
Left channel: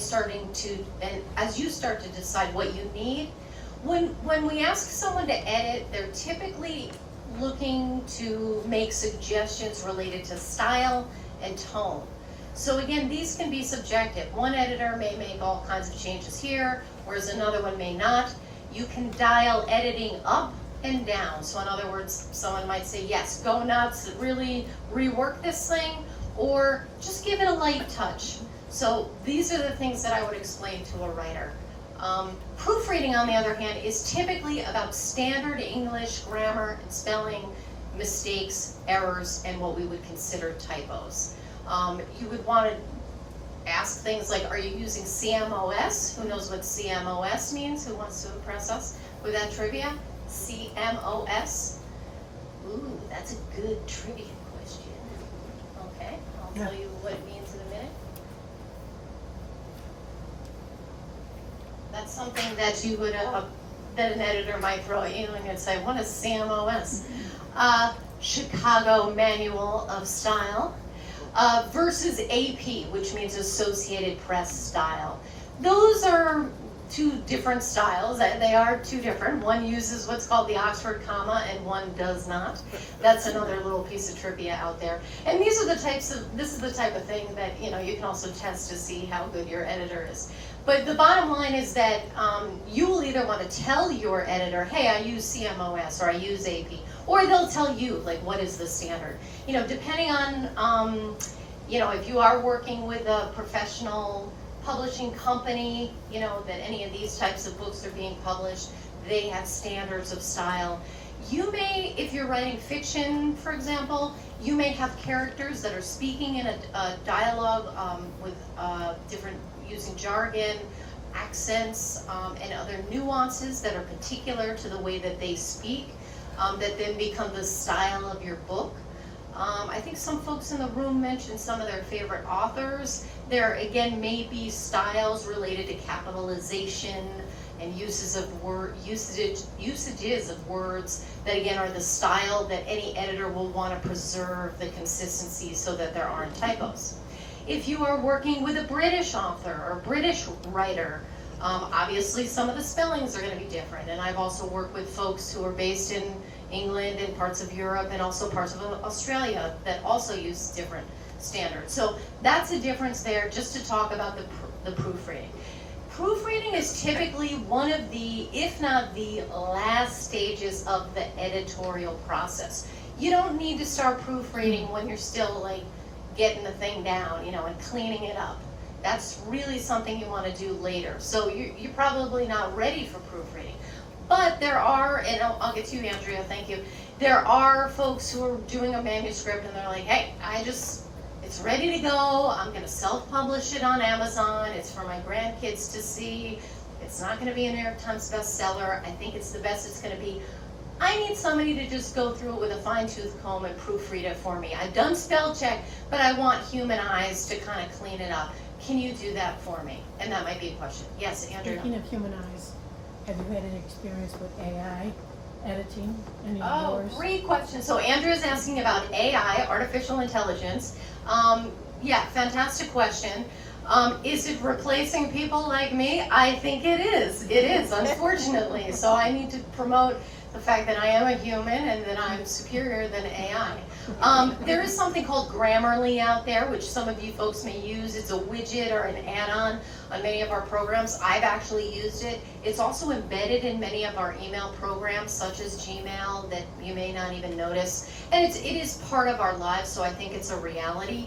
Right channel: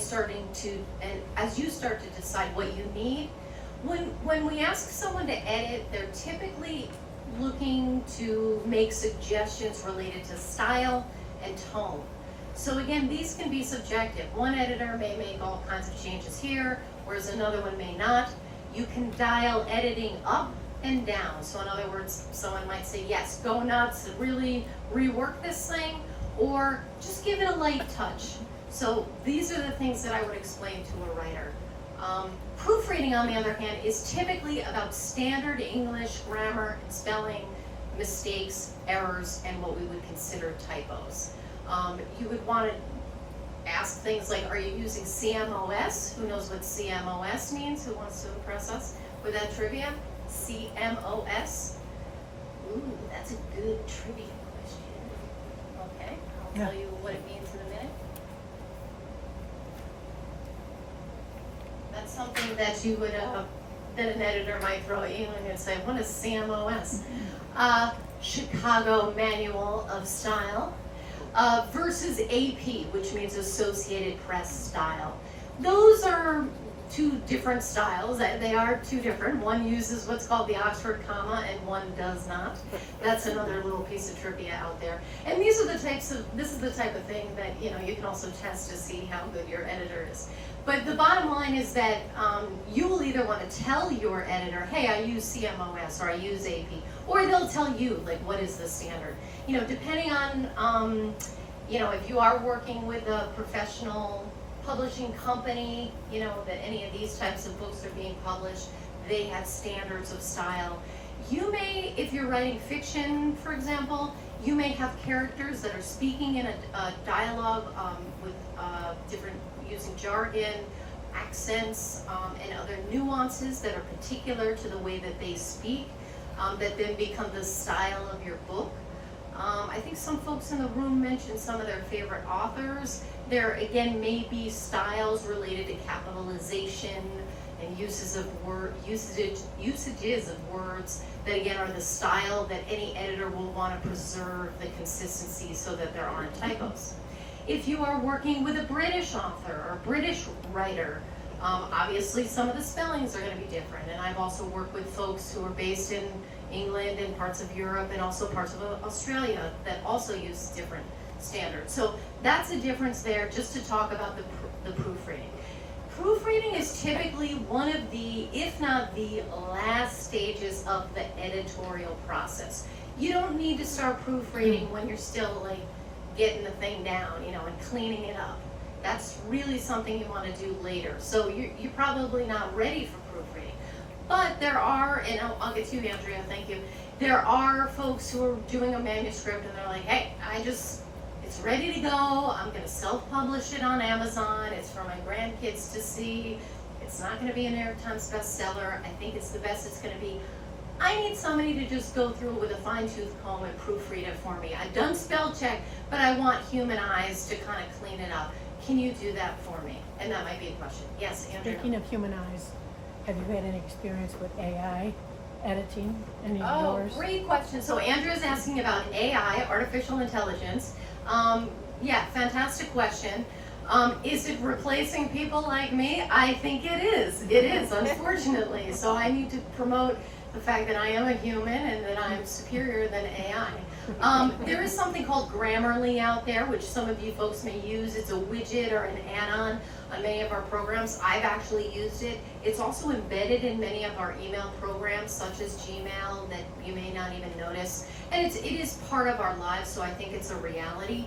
as you start to decide what you need. When we ask someone to edit, they're typically looking to make suggestions related to style and tone. So again, these can be subjective. One editor may make all kinds of changes here, whereas another one may not. You can dial editing up and down. So in other words, someone might say, yes, go nuts, really rework this thing, or just give it a light touch. So these are the things that I would explain to a writer. Proofreading, on the other hand, is typically about standard English grammar and spelling mistakes, errors, and what we would consider typos. You would want to ask things like, are you using CMOS? Who knows what CMOS means? Who wants to impress us with that trivia? CMOS? Ooh, that's a good trivia question. Okay, I'll tell you what it means in a minute. That's something that you would, that an editor might throw at you and you'd say, what is CMOS? Chicago Manual of Style, versus AP, which means Associated Press Style. Those are two different styles. They are two different. One uses what's called the Oxford comma and one does not. That's another little piece of trivia out there. And this is the type of thing that, you know, you can also test to see how good your editor is. But the bottom line is that you will either want to tell your editor, hey, I use CMOS or I use AP, or they'll tell you, like, what is the standard. You know, depending on, you know, if you are working with a professional publishing company, you know, that any of these types of books are being published, they have standards of style. You may, if you're writing fiction, for example, you may have characters that are speaking in a dialogue with different, using jargon, accents, and other nuances that are particular to the way that they speak, that then become the style of your book. I think some folks in the room mentioned some of their favorite authors. There, again, may be styles related to capitalization and usages of words that, again, are the style that any editor will want to preserve the consistency so that there aren't typos. If you are working with a British author or British writer, obviously some of the spellings are going to be different. And I've also worked with folks who are based in England and parts of Europe and also parts of Australia that also use different standards. So that's a difference there, just to talk about the proofreading. Proofreading is typically one of the, if not the last stages of the editorial process. You don't need to start proofreading when you're still like getting the thing down, you know, and cleaning it up. That's really something you want to do later. So you're probably not ready for proofreading. But there are, and I'll get to you, Andrea, thank you. There are folks who are doing a manuscript and they're like, hey, it's ready to go. I'm going to self-publish it on Amazon. It's for my grandkids to see. It's not going to be a New York Times bestseller. I think it's the best it's going to be. I need somebody to just go through it with a fine-tooth comb and proofread it for me. I've done spell check, but I want human eyes to kind of clean it up. Can you do that for me? And that might be a question. Yes, Andrea? Speaking of human eyes, have you had any experience with AI editing? Any of Oh, yours? great question. So Andrea's asking about AI, artificial intelligence. Yeah, fantastic question. Is it replacing people like me? I think it is. It is, unfortunately. So I need to promote the fact that I am a human and that I'm superior than AI. There is something called Grammarly out there, which some of you folks may use. It's a widget or an add-on on many of our programs. I've actually used it. It's also embedded in many of our email programs, such as Gmail, that you may not even notice. And it is part of our lives, so I think it's a reality.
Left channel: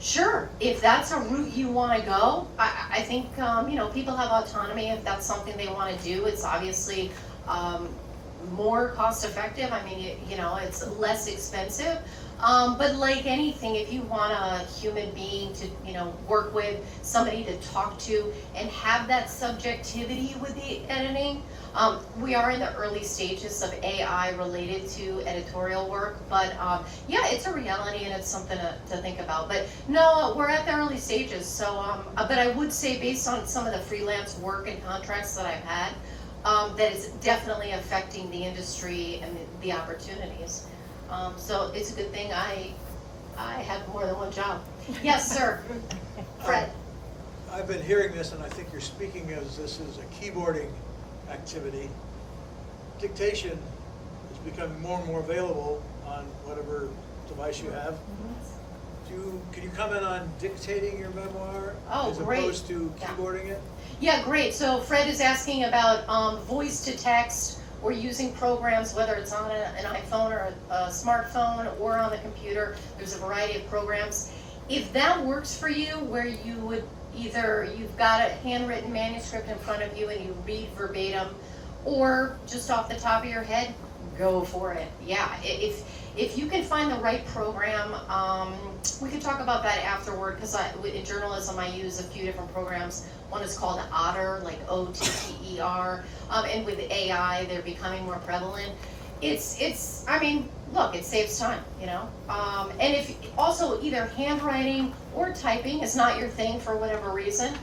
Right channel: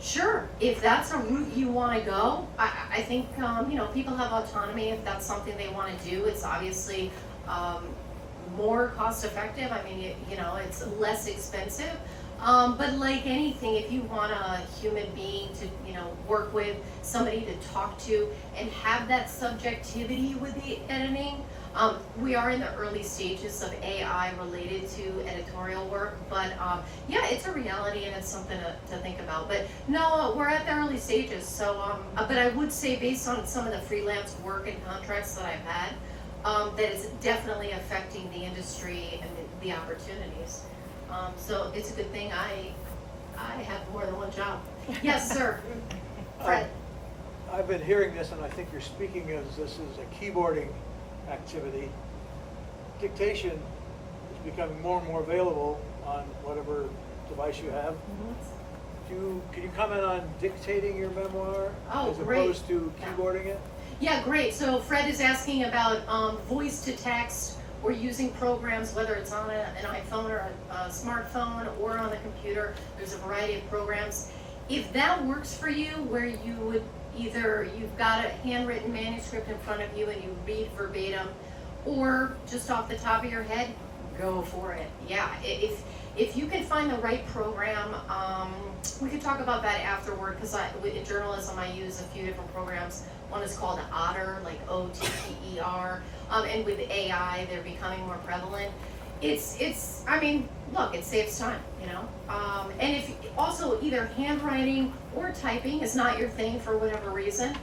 Sure, if that's a route you want to go, I think you know, people have autonomy if that's something they want to do. It's obviously more cost effective. I mean, you know, it's less expensive. But like anything, if you want a human being to, you know, work with, somebody to talk to, and have that subjectivity with the editing, we are in the early stages of AI related to editorial work, but yeah, it's a reality and it's something to think about. But no, we're at the early stages. So, but I would say, based on some of the freelance work and contracts that I've had, that is definitely affecting the industry and the opportunities. So it's a good thing I have more than one job. Yes, sir. Fred. I've been hearing this, and I think you're speaking as this is a keyboarding activity. Dictation is becoming more and more available on whatever device you have. Can you comment on dictating your memoir as Great. opposed to keyboarding it? Yeah, great. So Fred is asking about voice to text or using programs, whether it's on an iPhone or a smartphone or on the computer. There's a variety of programs. If that works for you, where you would either, you've got a handwritten manuscript in front of you and you read verbatim, or just off the top of your head, go for it. Yeah, if you can find the right program, we could talk about that afterward, because in journalism I use a few different programs. One is called Otter, like Otter, and with AI they're becoming more prevalent. I mean, look, it saves time, you know? And if, also either handwriting or typing is not your thing for whatever reason,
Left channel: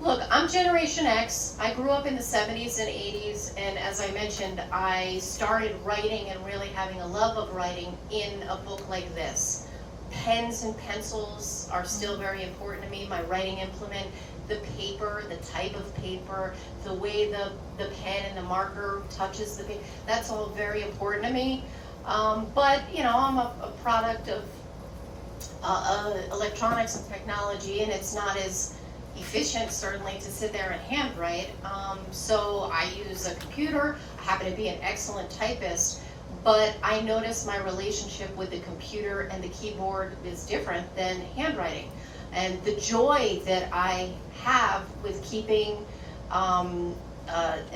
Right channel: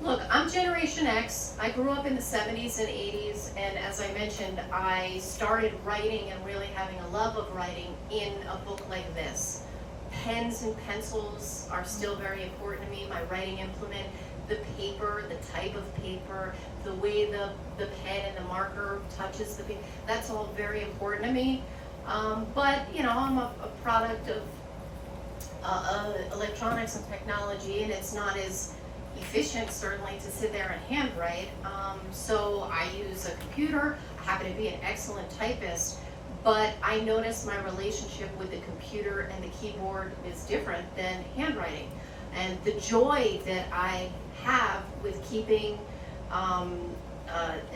look, I'm Generation X. I grew up in the 70s and 80s, and as I mentioned, I started writing and really having a love of writing in a book like this. Pens and pencils are still very important to me, my writing implement. The paper, the type of paper, the way the pen and the marker touches the paper, that's all very important to me. But, you know, I'm a product of electronics and technology, and it's not as efficient, certainly, to sit there and handwrite. So I use a computer. I happen to be an excellent typist, but I notice my relationship with the computer and the keyboard is different than handwriting. And the joy that I have with keeping an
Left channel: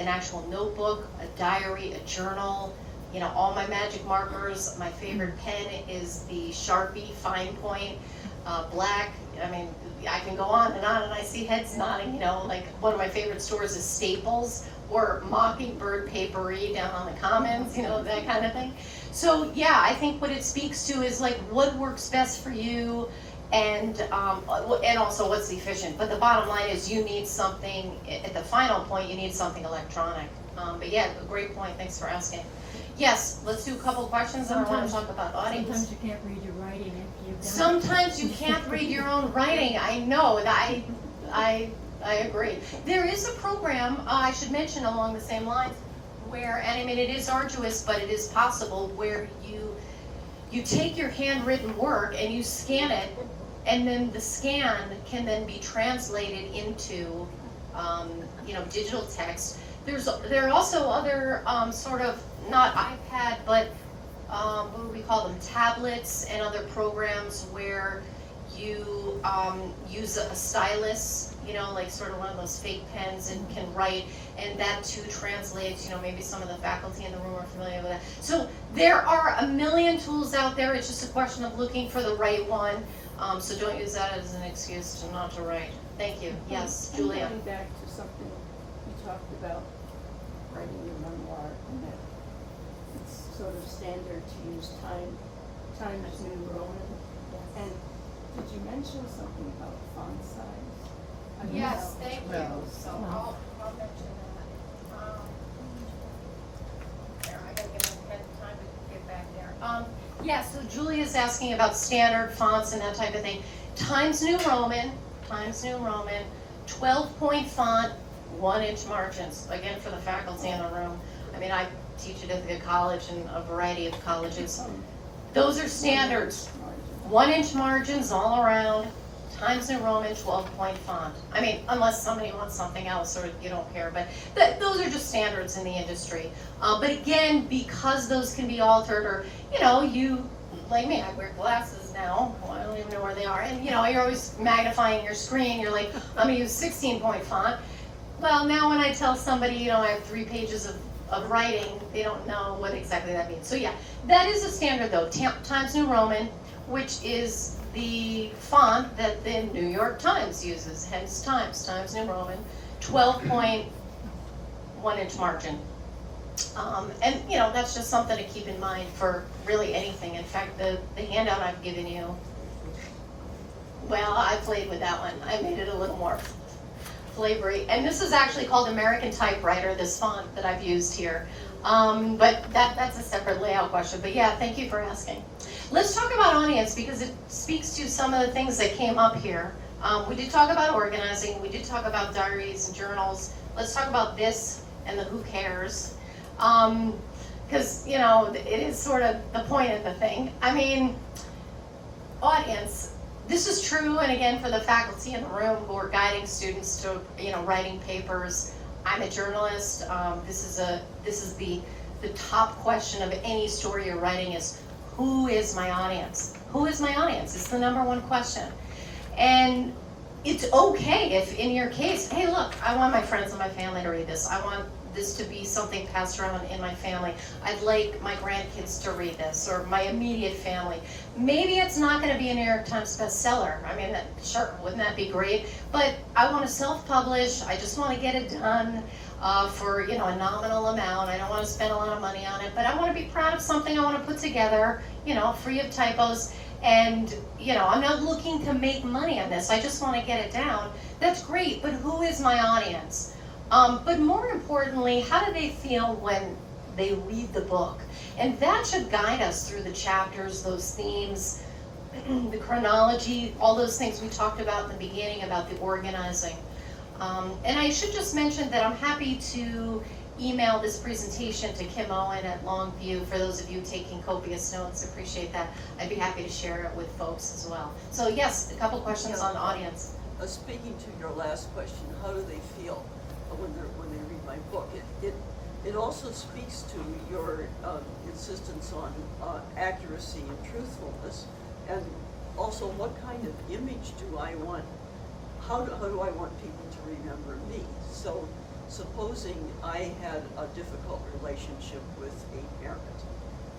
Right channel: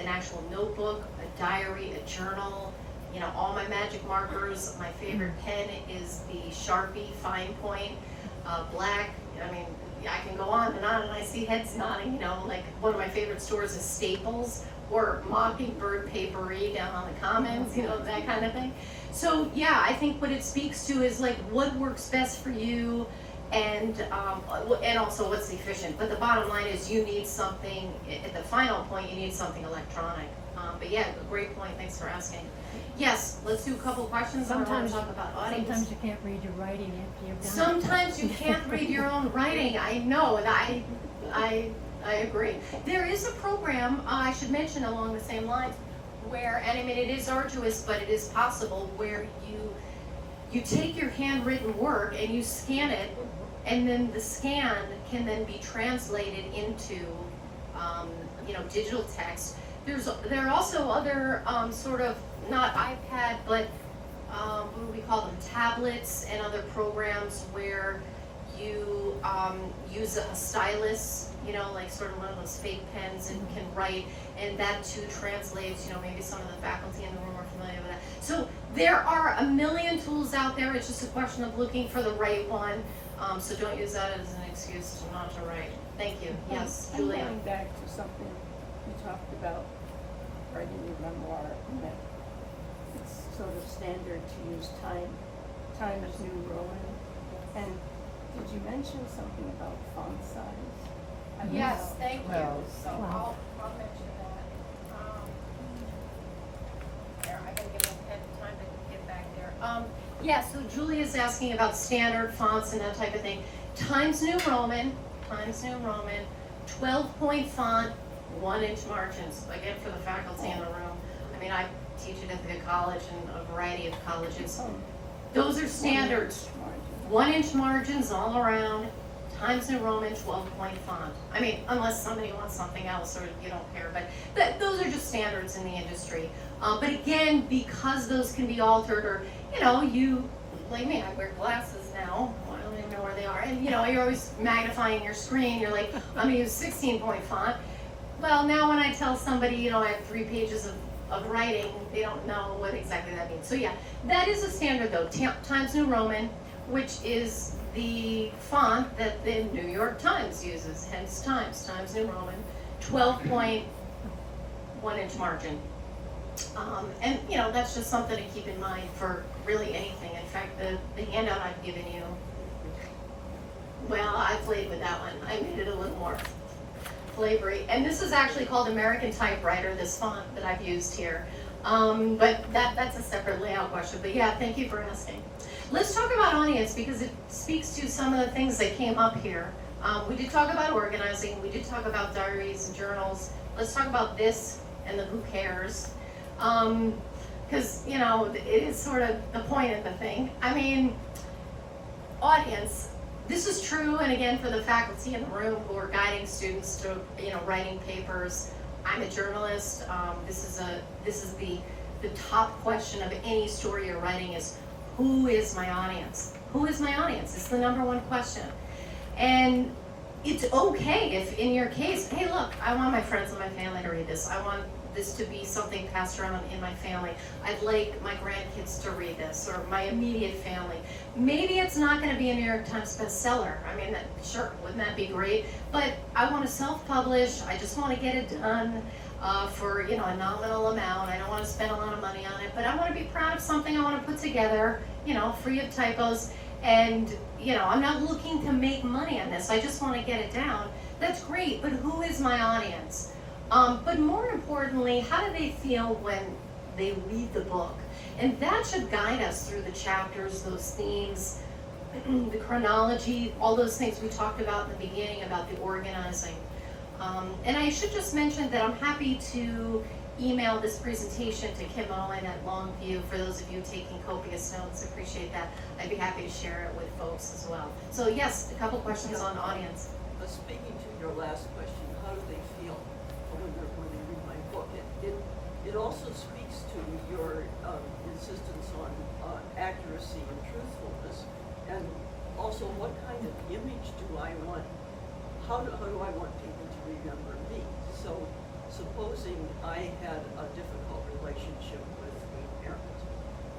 actual notebook, a diary, a journal, you know, all my magic markers. My favorite pen is the Sharpie Fine Point, black. I mean, I can go on, and I see heads nodding, you know, like one of my favorite stores is Staples or Mockingbird Papery down on the Commons, you know, that kind of thing. So yeah, I think what it speaks to is like what works best for you, and also what's efficient. But the bottom line is you need something, at the final point, you need something electronic. But yeah, great point, thanks for asking. Yes, let's do a couple questions, and I want to talk about audience. Sometimes you can't read your writing after you've done it. Sometimes you can't read your own writing, I know, and I agree. There is a program, I should mention along the same lines, where, and I mean, it is arduous, but it is possible, where you take your handwritten work and you scan it, and then the scan can then be translated into, you know, digital text. There are also other sort of, not iPad, but what do we call them, tablets and other programs where you use a stylus, you know, like sort of one of those fake pens, and can write, and that too translates, you know, maybe some of the faculty in the room are familiar with that. So there are a million tools out there, it's just a question of looking for the right one, so don't use that as an excuse to not to write. Thank you. Yes, Julia. Going back to something you talked about, writing your memoir, and that it's sort of standard to use Times New Roman. And did you mention something about font size? I mean, Yes, thank you. Well, So well. I'll mention that. There, I gotta give my pen time to get back there. Yeah, so Julia's asking about standard fonts and that type of thing. Times New Roman, 12-point font, 1-inch margins, again, for the faculty in the room. I mean, I teach it at the college and a variety of colleges. Those are standards. 1-inch margins all around, Times New Roman, 12-point font. I mean, unless somebody wants something else or you don't care, but those are just standards in the industry. But again, because those can be altered, or, you know, you, like me, I wear glasses now, I don't even know where they are, and you know, you're always magnifying your screen, you're like, I'm gonna use 16-point font. Well, now when I tell somebody, you know, I have 3 pages of writing, they don't know what exactly that means. So yeah, that is a standard though, Times New Roman, which is the font that the New York Times uses, hence Times New Roman, 12-point, 1-inch margin. And you know, that's just something to keep in mind for really anything. In fact, the handout I've given you, well, I played with that one. I made it a little more flavory. And this is actually called American Typewriter, this font that I've used here. But that's a separate layout question. But yeah, thank you for asking. Let's talk about audience, because it speaks to some of the things that came up here. We did talk about organizing, we did talk about diaries and journals. Let's talk about this and the who cares. Because, you know, it is sort of the point of the thing. I mean, audience, this is true, and again, for the faculty in the room who are guiding students to, you know, writing papers. I'm a journalist. This is the top question of any story you're writing is, who is my audience? Who is my audience? It's the #1 question. And it's okay if in your case, hey look, I want my friends and my family to read this. I want this to be something passed around in my family. I'd like my grandkids to read this, or my immediate family. Maybe it's not gonna be a New York Times bestseller. I mean, sure, wouldn't that be great? But I wanna self-publish, I just wanna get it done for, a nominal amount. I don't wanna spend a lot of money on it, but I wanna be proud of something I wanna put together, free of typos. And, I'm not looking to make money on this, I just wanna get it down. That's great, but who is my audience? But more importantly, how do they feel when they read the book? And that should guide us through the chapters, those themes, the chronology, all those things we talked about in the beginning about the organizing. And I should just mention that I'm happy to email this presentation to Kim Owen at Longview. For those of you taking copious notes, appreciate that. I'd be happy to share it with folks as well. So yes, a couple questions on the audience. Speaking to your last question, how do they feel when they read my book? It also speaks to your insistence on accuracy and truthfulness, and also what kind of image do I want? How do I want people to remember me? So, supposing I had a difficult relationship with a parent,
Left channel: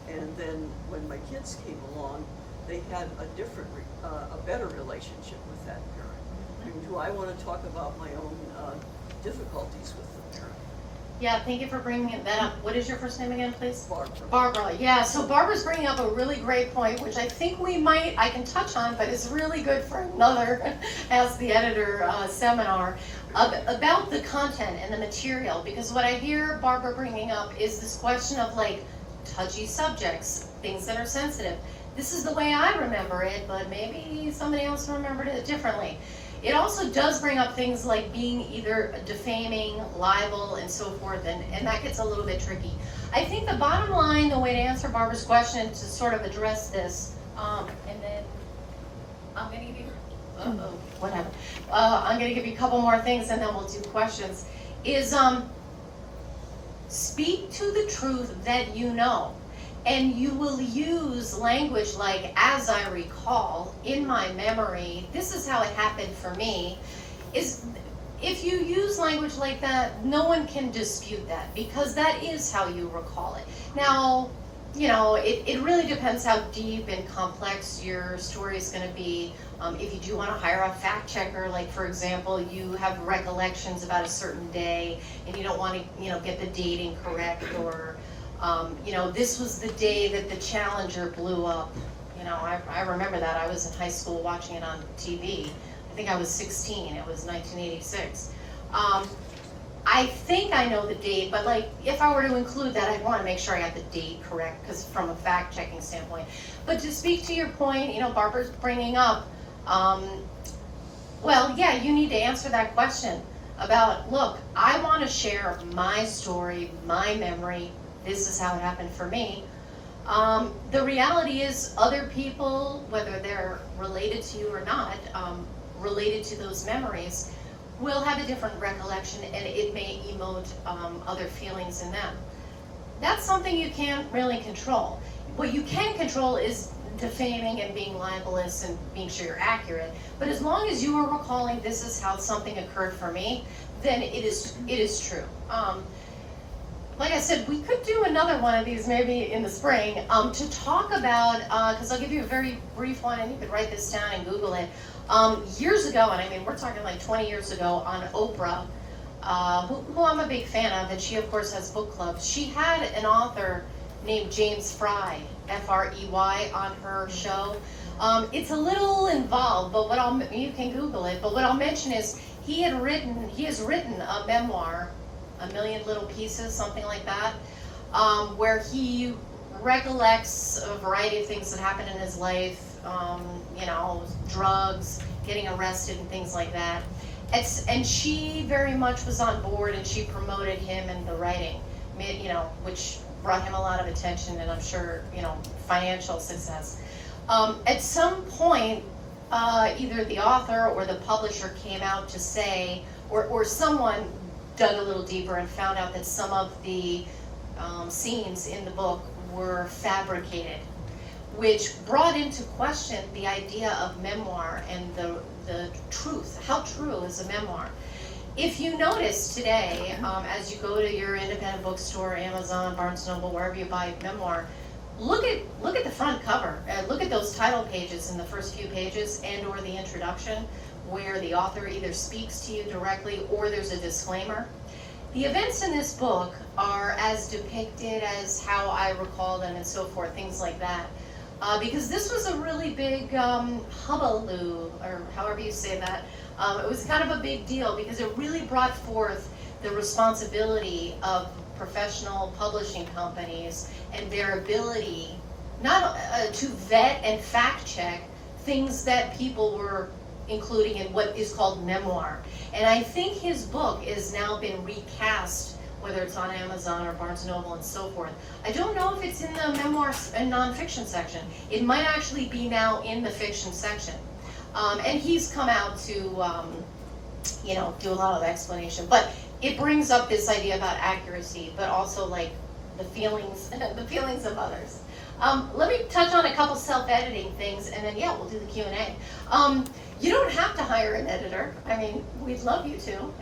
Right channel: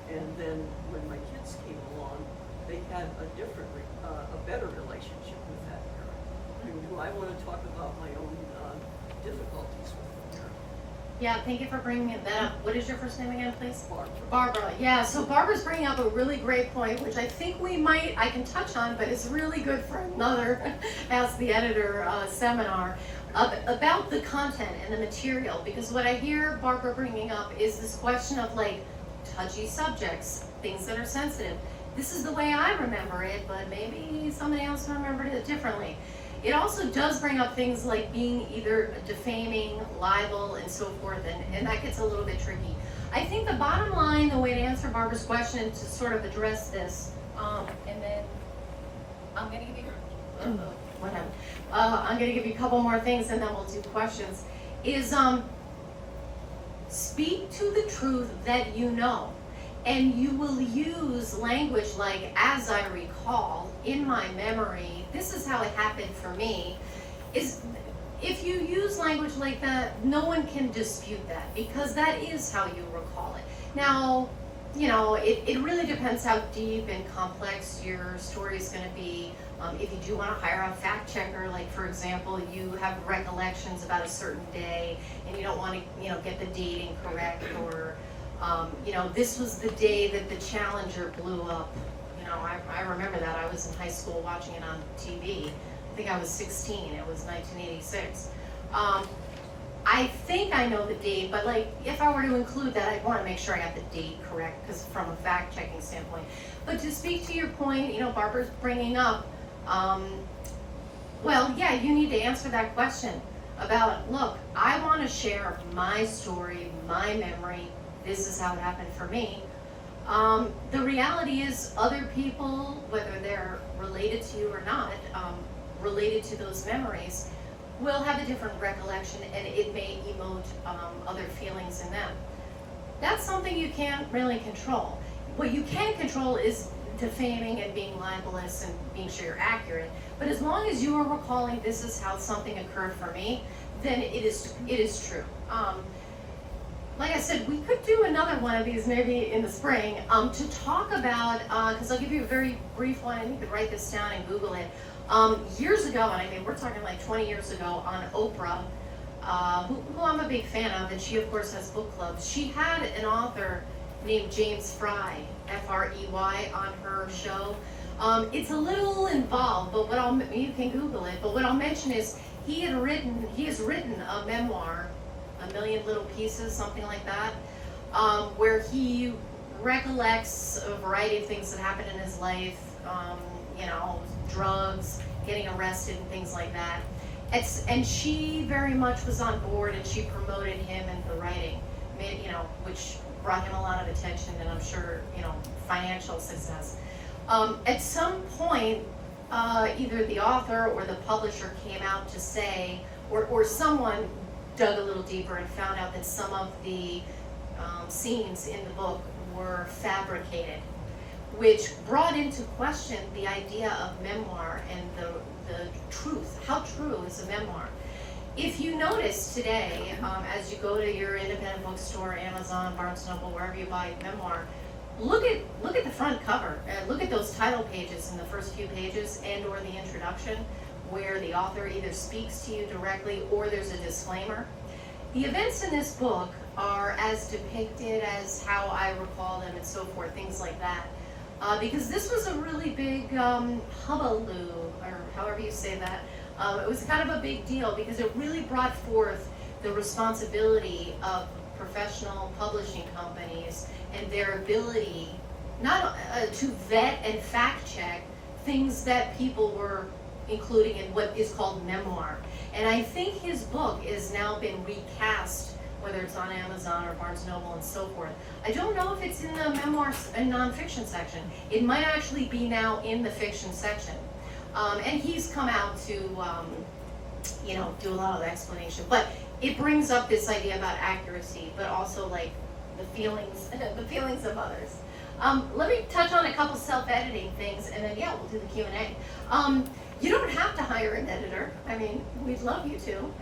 and then when my kids came along, they had a better relationship with that parent. Do I want to talk about my own difficulties with the parent? Yeah, thank you for bringing that up. What is your first name again, please? Barbara. Barbara, yeah, so Barbara's bringing up a really great point, which I think I can touch on, but it's really good for another Ask the Editor seminar about the content and the material, because what I hear Barbara bringing up is this question of touchy subjects, things that are sensitive. This is the way I remember it, but maybe somebody else remembered it differently. It also does bring up things like being either defaming, libel, and so forth, and that gets a little bit tricky. I think the bottom line, the way to answer Barbara's question, to sort of address this, and then I'm gonna give you, whatever. I'm gonna give you a couple more things and then we'll do questions, is speak to the truth that you know. And you will use language like, as I recall, in my memory, this is how it happened for me. If you use language like that, no one can dispute that, because that is how you recall it. Now, it really depends how deep and complex your story is gonna be. If you do wanna hire a fact checker, like for example, you have recollections about a certain day, and you don't wanna, get the date incorrect, or this was the day that the Challenger blew up. I remember that. I was in high school watching it on TV. I think I was 16. It was 1986. I think I know the date, but if I were to include that, I'd want to make sure I got the date correct, because from a fact-checking standpoint. But to speak to your point, Barbara's bringing up, well, yeah, you need to answer that question about, look, I want to share my story, my memory. This is how it happened for me. The reality is other people, whether they're related to you or not, related to those memories, will have a different recollection, and it may emote other feelings in them. That's something you can't really control. What you can control is defaming and being libelous and being sure you're accurate. But as long as you are recalling, this is how something occurred for me, then it is true. Like I said, we could do another one of these maybe in the spring to talk about, because I'll give you a very brief one, and you could write this down and Google it. Years ago, and I mean we're talking 20 years ago, on Oprah, who I'm a big fan of, and she of course has book clubs. She had an author named James Fry, F-R-E-Y, on her show. It's a little involved, but you can Google it. But what I'll mention is he has written a memoir, A Million Little Pieces, something like that, where he recollects a variety of things that happened in his life, drugs, getting arrested and things like that. And she very much was on board, and she promoted him in the writing, which brought him a lot of attention, and I'm sure, financial success. At some point, either the author or the publisher came out to say, or someone dug a little deeper and found out that some of the scenes in the book were fabricated, which brought into question the idea of memoir and the truth. How true is a memoir? if you notice today, as you go to your independent bookstore, Amazon, Barnes & Noble, wherever you buy memoir, look at the front cover. Look at those title pages in the first few pages and/or the introduction, where the author either speaks to you directly or there's a disclaimer. The events in this book are as depicted as how I recall them and so forth, things like that. Because this was a really big hullabaloo, or however you say that. It was kind of a big deal because it really brought forth the responsibility of professional publishing companies and their ability not to vet and fact check things that people were including in what is called memoir. And I think his book has now been recast, whether it's on Amazon or Barnes & Noble and so forth. I don't know if it's in the memoir and nonfiction section. It might actually be now in the fiction section. And he's come out to, do a lot of explanation. But it brings up this idea about accuracy, but also like the feelings of others. Let me touch on a couple self-editing things, and then we'll do the Q&A. You don't have to hire an editor. I mean, we'd love you to.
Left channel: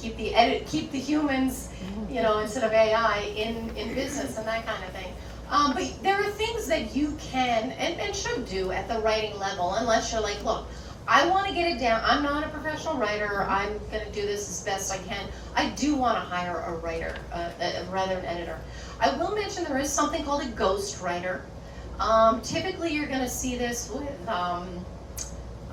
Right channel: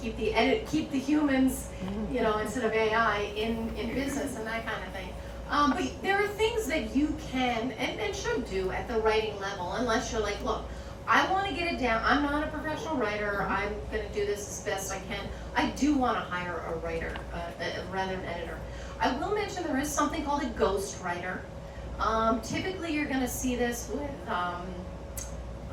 Keep the humans, instead of AI in business and that kind of thing. But there are things that you can and should do at the writing level, unless you're like, look, I want to get it down. I'm not a professional writer. I'm going to do this as best I can. I do want to hire a writer, rather an editor. I will mention there is something called a ghost writer. Typically, you're going to see this with,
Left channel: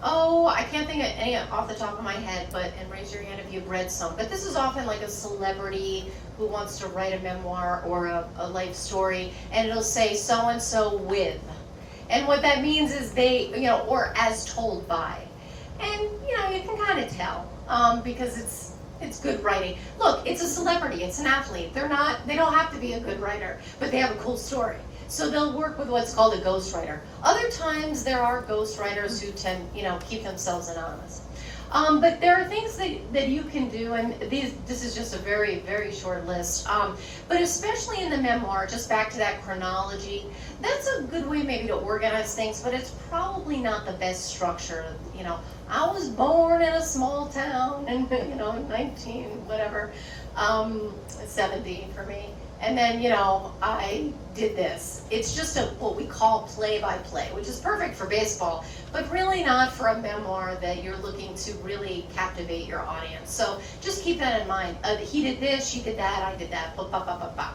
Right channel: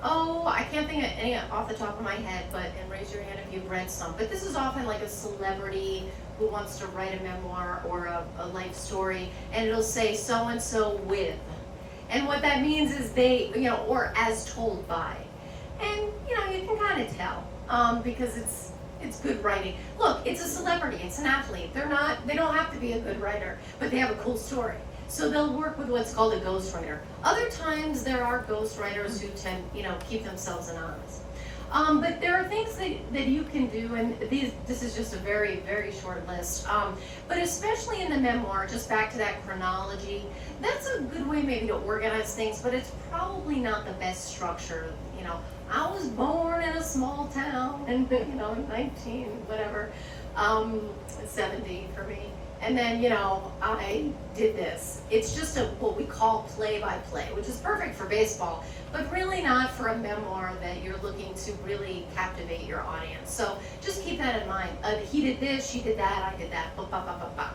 I can't think of any off the top of my head, and raise your hand if you've read some. But this is often like a celebrity who wants to write a memoir or a life story, and it'll say so-and-so with. And what that means is they, or as told by. And, you can kind of tell, because it's good writing. Look, it's a celebrity, it's an athlete. They don't have to be a good writer, but they have a cool story. So they'll work with what's called a ghostwriter. Other times there are ghostwriters who tend, keep themselves anonymous. But there are things that you can do, and this is just a very, very short list. But especially in the memoir, just back to that chronology, that's a good way maybe to organize things, but it's probably not the best structure. I was born in a small town in 70 for me. And then, I did this. It's just what we call play-by-play, which is perfect for baseball, but really not for a memoir that you're looking to really captivate your audience. So just keep that in mind. He did this, she did that, I did that, blah, blah, blah, blah, blah.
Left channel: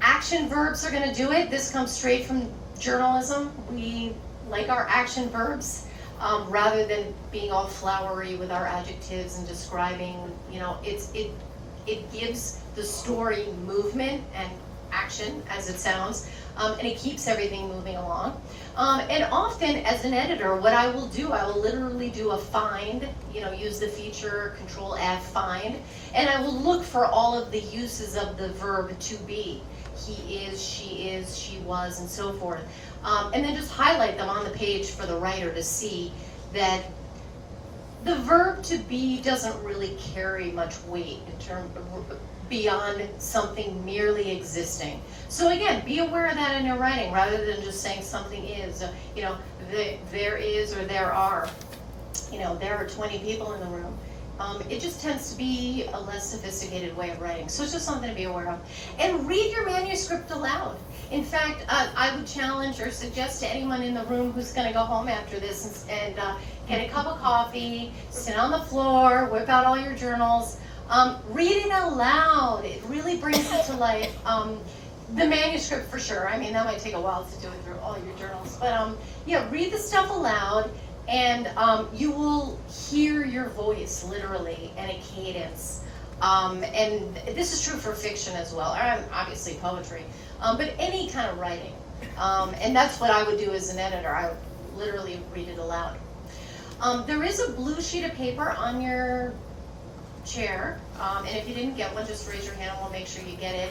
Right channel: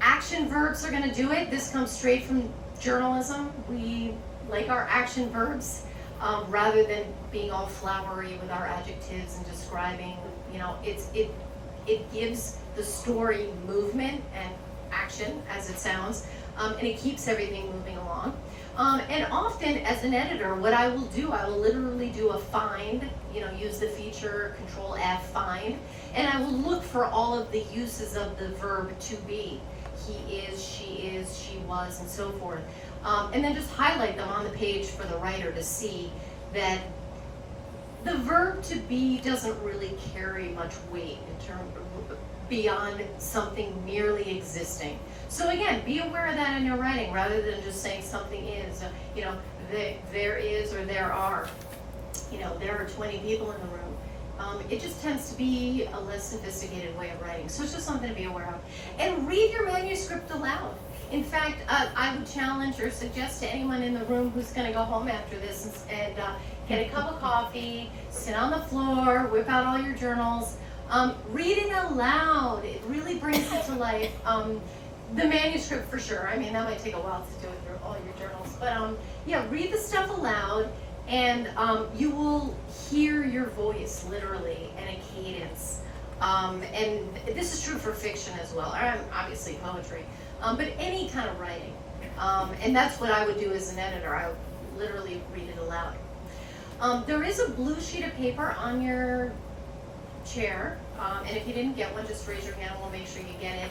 Action verbs are gonna do it. This comes straight from journalism. We like our action verbs, rather than being all flowery with our adjectives and describing, it gives the story movement and action, as it sounds, and it keeps everything moving along. And often, as an editor, what I will do, I will literally do a find, use the feature, Control F, find, and I will look for all of the uses of the verb to be. He is, she was, and so forth. And then just highlight them on the page for the writer to see that the verb to be doesn't really carry much weight in terms of beyond something merely existing. So again, be aware of that in your writing rather than just saying something is. There is or there are. There are 20 people in the room. It just tends to be a less sophisticated way of writing. So it's just something to be aware of. And read your manuscript aloud. In fact, I would challenge or suggest to anyone in the room who's going to go home after this and get a cup of coffee, sit on the floor, whip out all your journals, read it out loud. It really brings it to life. The manuscript for sure. I mean, that might take a while to do it through all your journals. But read the stuff aloud, and you will hear your voice literally and a cadence. And this is true for fiction as well, or obviously poetry, but any kind of writing. And that's what I would do as an editor. I would literally read it aloud. There is a blue sheet of paper on your chair, and if you didn't get one, just raise your hand and we'll make sure you get it.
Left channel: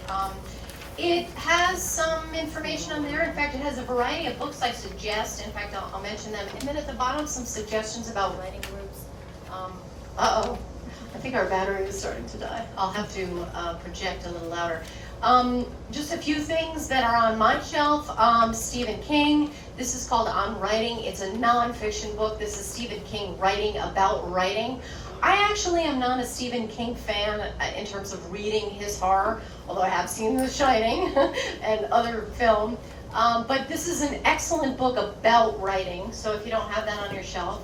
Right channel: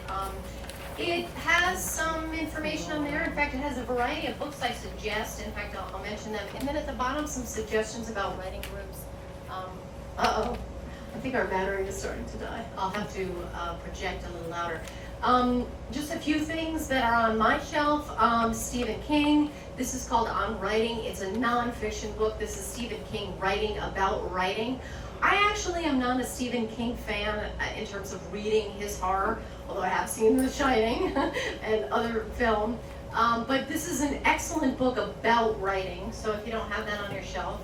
It has some information on there. In fact, it has a variety of books I suggest. In fact, I'll mention them. And then at the bottom, some suggestions about writing groups. Uh-oh, I think our battery is starting to die. I'll have to project a little louder. Just a few things that are on my shelf. Stephen King. This is called On Writing. It's a nonfiction book. This is Stephen King writing about writing. I actually am not a Stephen King fan in terms of reading his horror, although I have seen The Shining and other film. But this is an excellent book about writing, so if you don't have that on your shelf.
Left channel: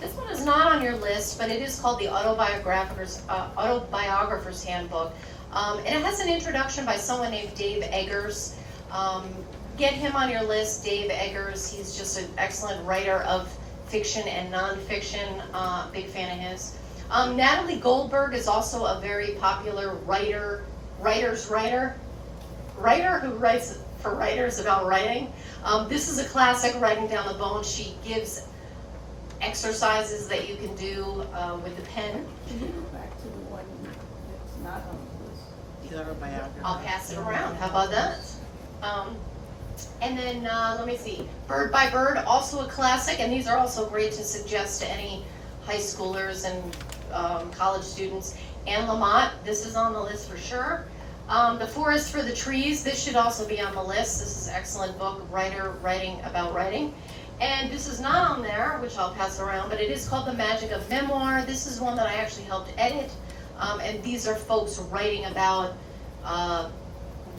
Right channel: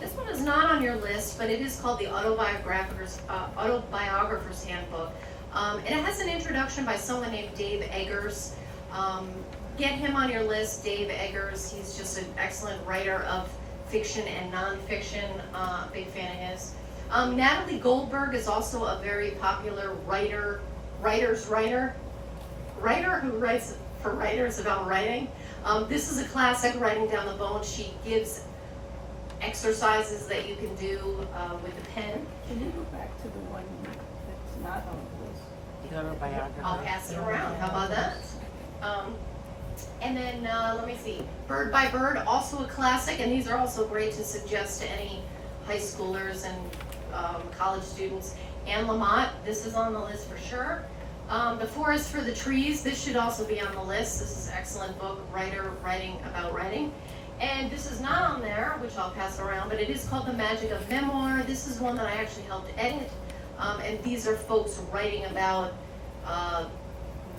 This one is not on your list, but it is called The Autobiographer's Handbook. And it has an introduction by someone named Dave Eggers. Get him on your list, Dave Eggers. He's just an excellent writer of fiction and nonfiction. Big fan of his. Natalie Goldberg is also a very popular writer who writes for writers about writing. This is a classic, Writing Down the Bone. She gives exercises that you can do with the pen. Can you go back to the one that's not on the list? I'll pass it around. How about that? And then let me see. Bird by Bird, also a classic, and these are also great to suggest to any high schoolers and college students. Anne Lamott, this is on the list for sure. The Forest for the Trees, this should also be on the list. This is an excellent book, writing about writing. And this is not on there, which I'll pass around, but it is called The Magic of Memoir. This is one that I actually helped edit. And these are folks writing about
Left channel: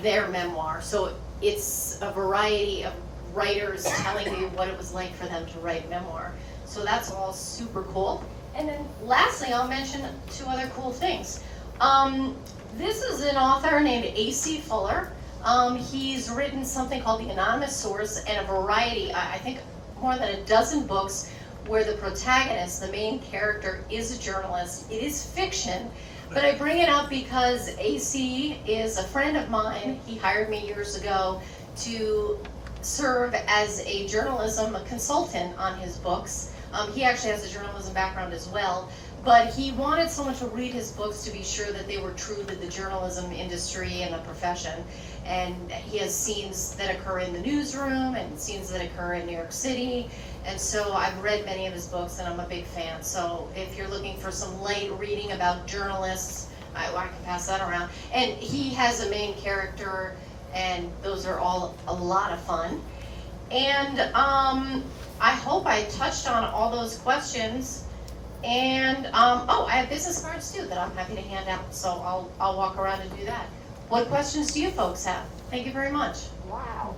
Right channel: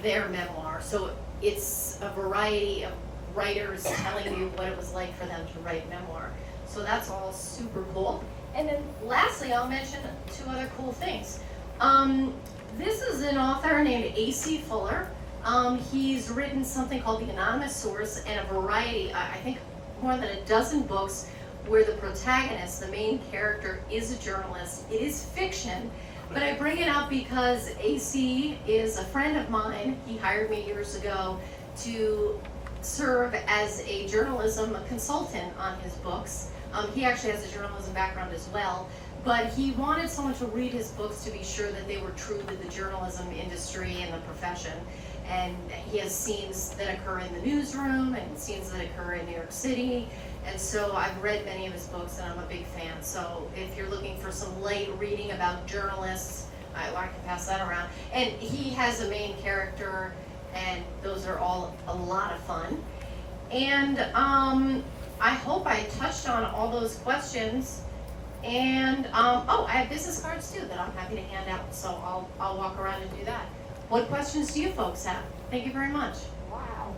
their memoir. So it's a variety of writers telling you what it was like for them to write memoir. So that's all super cool. And then lastly, I'll mention two other cool things. This is an author named A.C. Fuller. He's written something called The Anonymous Source and a variety, I think more than a dozen books where the protagonist, the main character, is a journalist. It is fiction, but I bring it up because AC is a friend of mine. He hired me years ago to serve as a journalism consultant on his books. He actually has a journalism background as well, but he wanted someone to read his books to be sure that they were true to the journalism industry and the profession. And he has scenes that occur in the newsroom and scenes that occur in New York City. And so I've read many of his books and I'm a big fan. So if you're looking for some light reading about journalists, I can pass that around. And he has a main character and those are all a lot of fun. And I hope I touched on all those questions. And oh, I have business cards too that I'm happy to hand out. So I'll walk around and do that. What questions do you folks have? Thank you very much. Wow.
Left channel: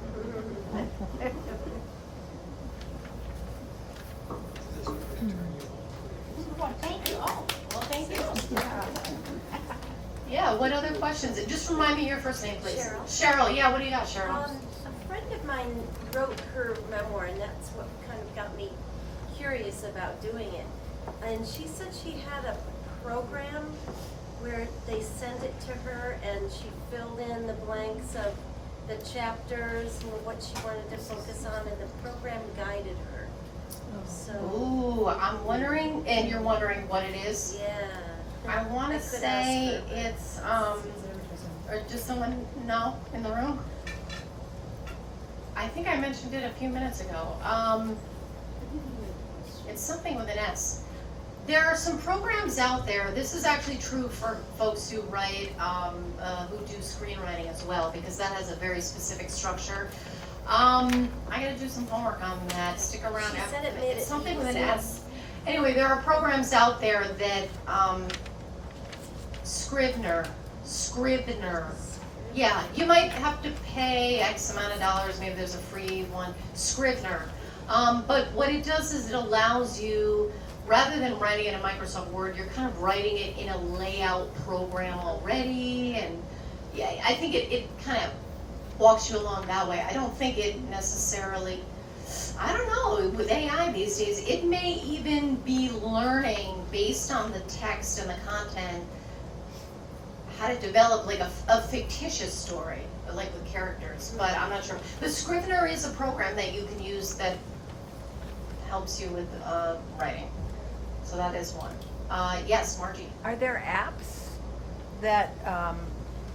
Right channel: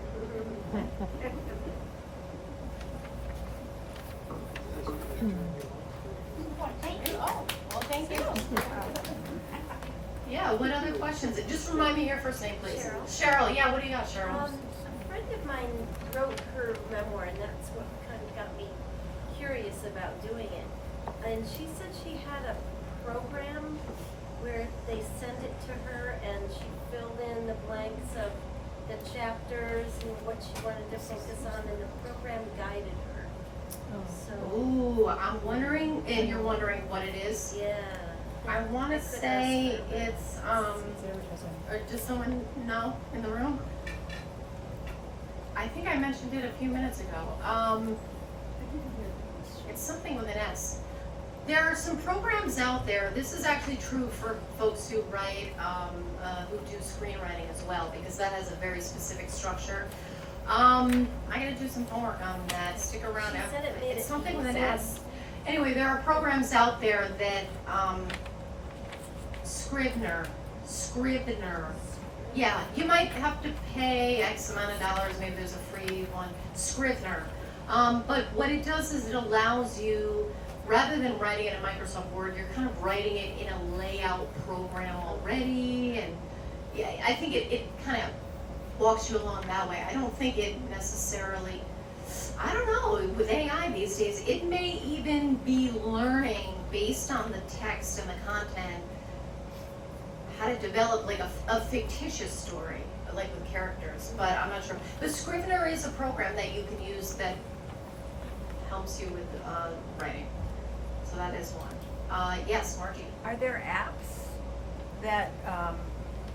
Thank you. Oh, well, thank you. Yeah, what other questions? Just remind me your first name, please. Cheryl, yeah, what do you got, Cheryl? A friend of mine wrote her memoir, and that's what kind of got me curious about doing it. And she said she had a program where they sent it to her, and she filled in the blanks of the chapters and what she wanted to focus on, and the program guided her. So, Ooh, I'm wondering, and you're wondering what it is? yeah. I wanna could say ask her, but- it's, or does someone know in the room? I think I mentioned it a few minutes ago. It's something with an S. There are some programs out there, this is actually true for folks who write, who do screenwriting as well, because that has a very specific structure. I gotta do some homework on that, stick around. She said it made It's it something with an easy. S. Anyway, there are programs out there that, Scrivener. Yeah, you might have to pay X amount of dollars, maybe there's a free one, Scrivener. But what it does is it allows you, rather than writing it in Microsoft Word, you're kind of writing it in a layout program already, and yeah, I think it kind of walks you along that way. I don't think it necessarily, I don't know, with AI these days, it may even be learning based on the text and the content, how to develop like a fictitious story, like with characters, but I'm not sure. But Scrivener is a program that you can use that helps you with writing. So that is one. Yes, Margie. Are there apps that,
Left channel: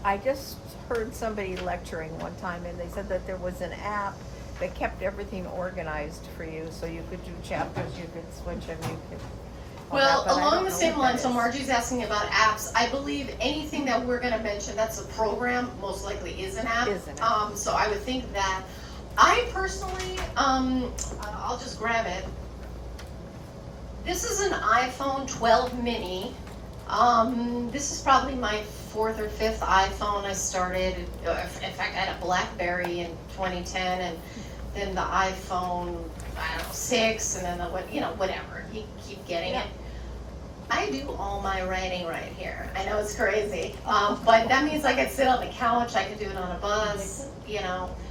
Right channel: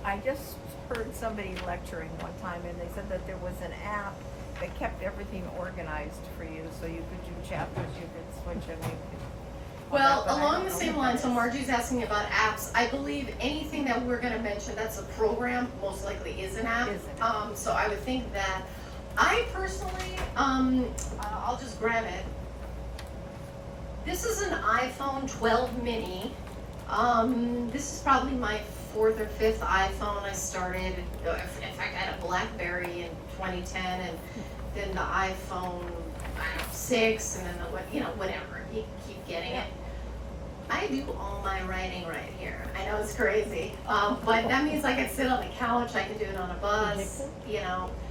I just heard somebody lecturing one time and they said that there was an app that kept everything organized for you, so you could do chapters, you could switch, I mean, you could. Well, but I along don't the know same what line, that so is. Margie's asking about apps. I believe anything that we're gonna mention that's a program, most likely is an app. Is an app. So I would think that. I personally, I'll just grab it. This is an iPhone 12 mini. This is probably my 4th or 5th iPhone. I started, in fact, I had a BlackBerry in 2010, and then the iPhone, I don't know, 6, and then the, whatever. You keep getting it. I do all my writing right here. I know it's crazy, but that means I can sit on the couch. I can do it on a bus.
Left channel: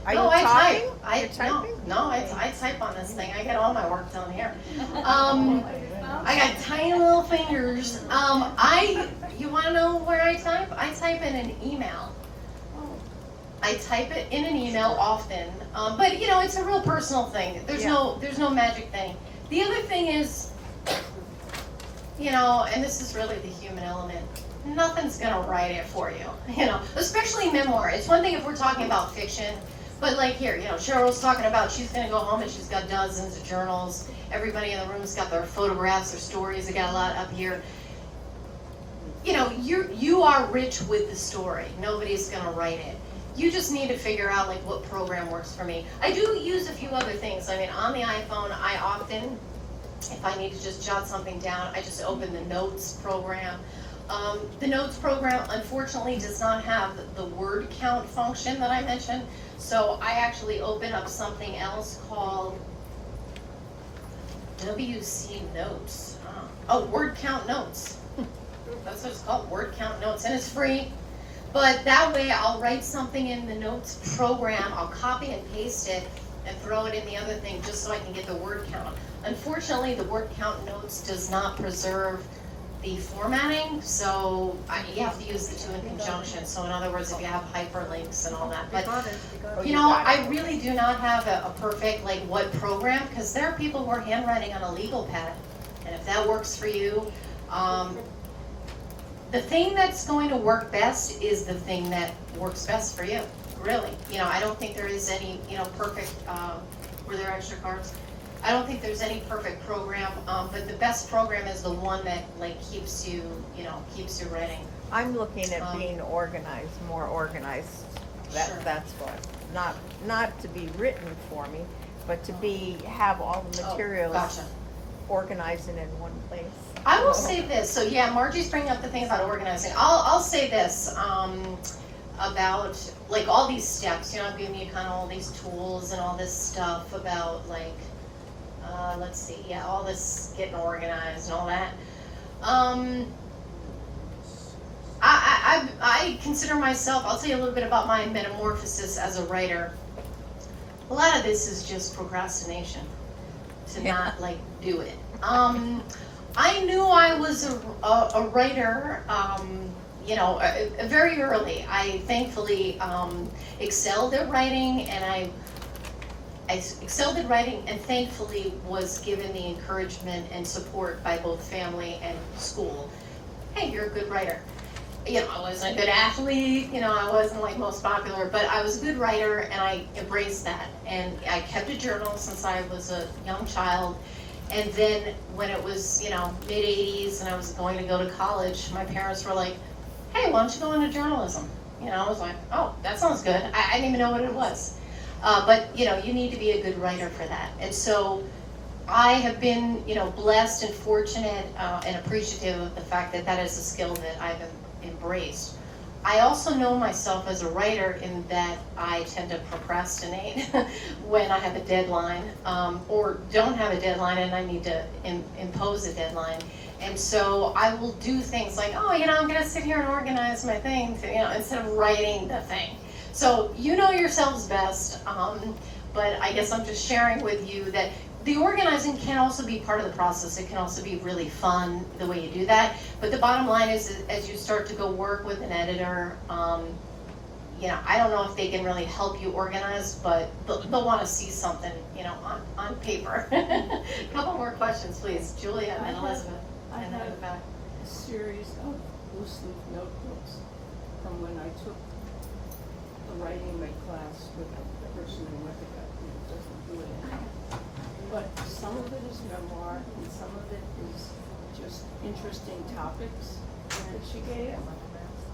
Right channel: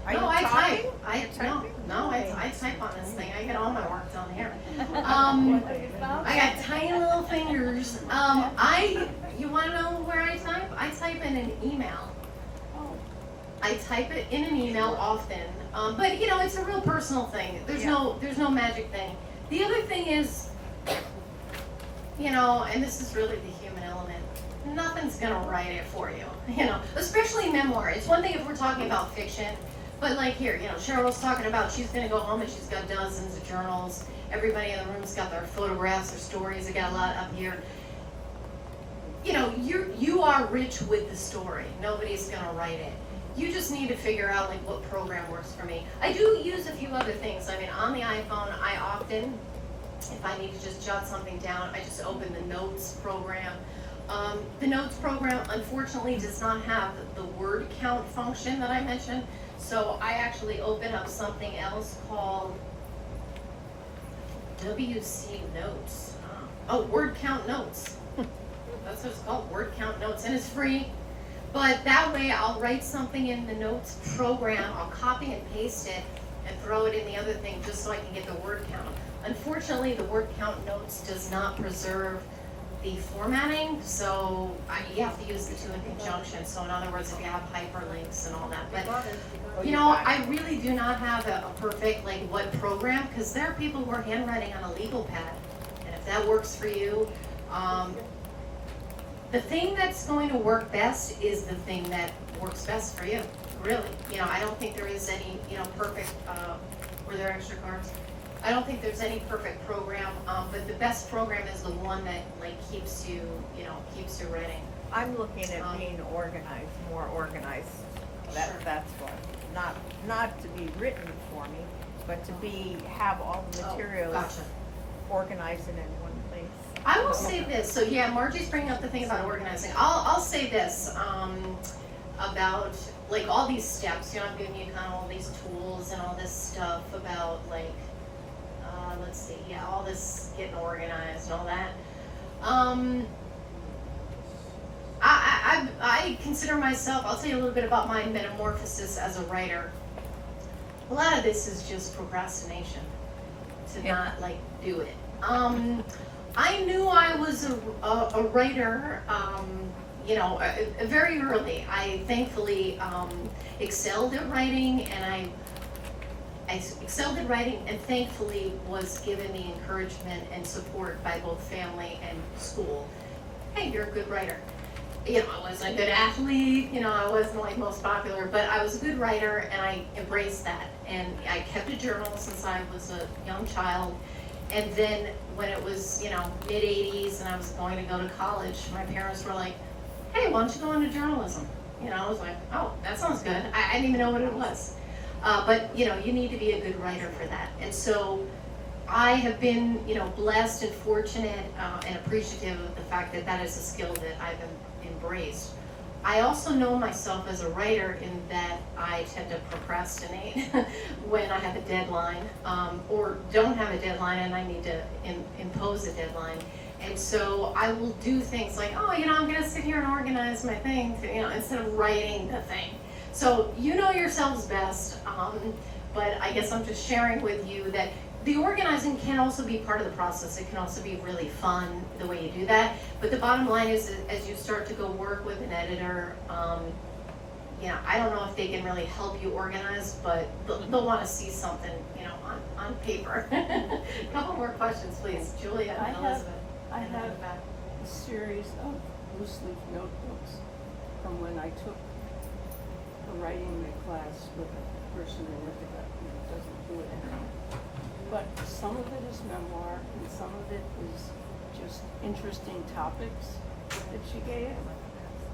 Are No, you I type. typing? You're typing? I type on this thing. I get all my work done here. I got tiny little fingers. You want to know where I type? I type in an email. I type it in an email often, but it's a real personal thing. There's no magic thing. The other thing is, and this is really the human element. Nothing's gonna write it for you, especially memoir. It's one thing if we're talking about fiction, but like here, Cheryl's talking about she's gonna go home and she's got dozens of journals. Everybody in the room's got their photographs, their stories. They got a lot up here. You are rich with the story. Nobody's gonna write it. You just need to figure out like what program works for me. I do use a few other things. I mean, on the iPhone, I often, if I need to just jot something down, I just open the Notes program. The Notes program, unfortunately, does not have the word count function that I mentioned. So I actually open up something else called WC Notes. Word count notes. That's what it's called, word count notes, and it's free. But that way I'll write something in the Notes program, I'll copy and paste it, and throw it in the other thing just so I can get the word count. Unfortunately, the word count notes does not preserve the formatting, so you have to use the two in conjunction. So in other words, if you have hyperlinks and all that. But I really do not have a perfect like what program, because there are people who are handwriting on a legal pad, and if that works for you, the thing that's going to work best is the thing that works best for you. Really, I don't think there is any perfect. Were there extra cards? I don't think there's any perfect program, but the best program is the one that like keeps you writing. I'm looking at being organized, more organized. Sure. That's what, not to be written for me, but to have all the materials Gotcha. organizing in one place. I will say this. So yeah, Margie's bringing up the thing about organizing. I'll say this about like all these steps. I'm giving you kind of all these tools and all this stuff about like. Let's see, all this getting organized and all that. I consider myself, I'll tell you a little bit about my metamorphosis as a writer. A lot of this is just procrastination, to not like do it. I knew I was a writer, very early. I thankfully excelled at writing, and I excelled at writing and thankfully was given the encouragement and support by both family and school. Hey, you're a good writer. I wasn't a good athlete, I wasn't like most popular, but I was a good writer and I embraced that. And I kept a journal since I was a young child. And then when it was, mid-80s and I was going to go to college, my parents were like, hey, why don't you go into journalism? I was like, oh, that sounds good. I didn't even know what it was. But you need to be a good writer for that. And so I have been, blessed and fortunate and appreciative of the fact that that is a skill that I've embraced. I also know myself as a writer in that I tend to procrastinate when I have a deadline or don't have a deadline and I need to impose a deadline. And so I will do things like, I'm going to sit here and organize my things, instead of writing the thing. So you know yourselves best, but I guess I'm just sharing with you that the organizing can also be part of the process. It can also be really fun the way you do that. But the bottom line is, as you start to go work with an editor, I don't know if they can really help you organize, but they'll want to see something, on paper. A couple more questions, please. Julia and Elizabeth. I And then have go back. a series of loose leaf notebooks from when I took a writing class with a person who doesn't do it anymore. But some of it is memoir and some of it is just interesting topics that she gave.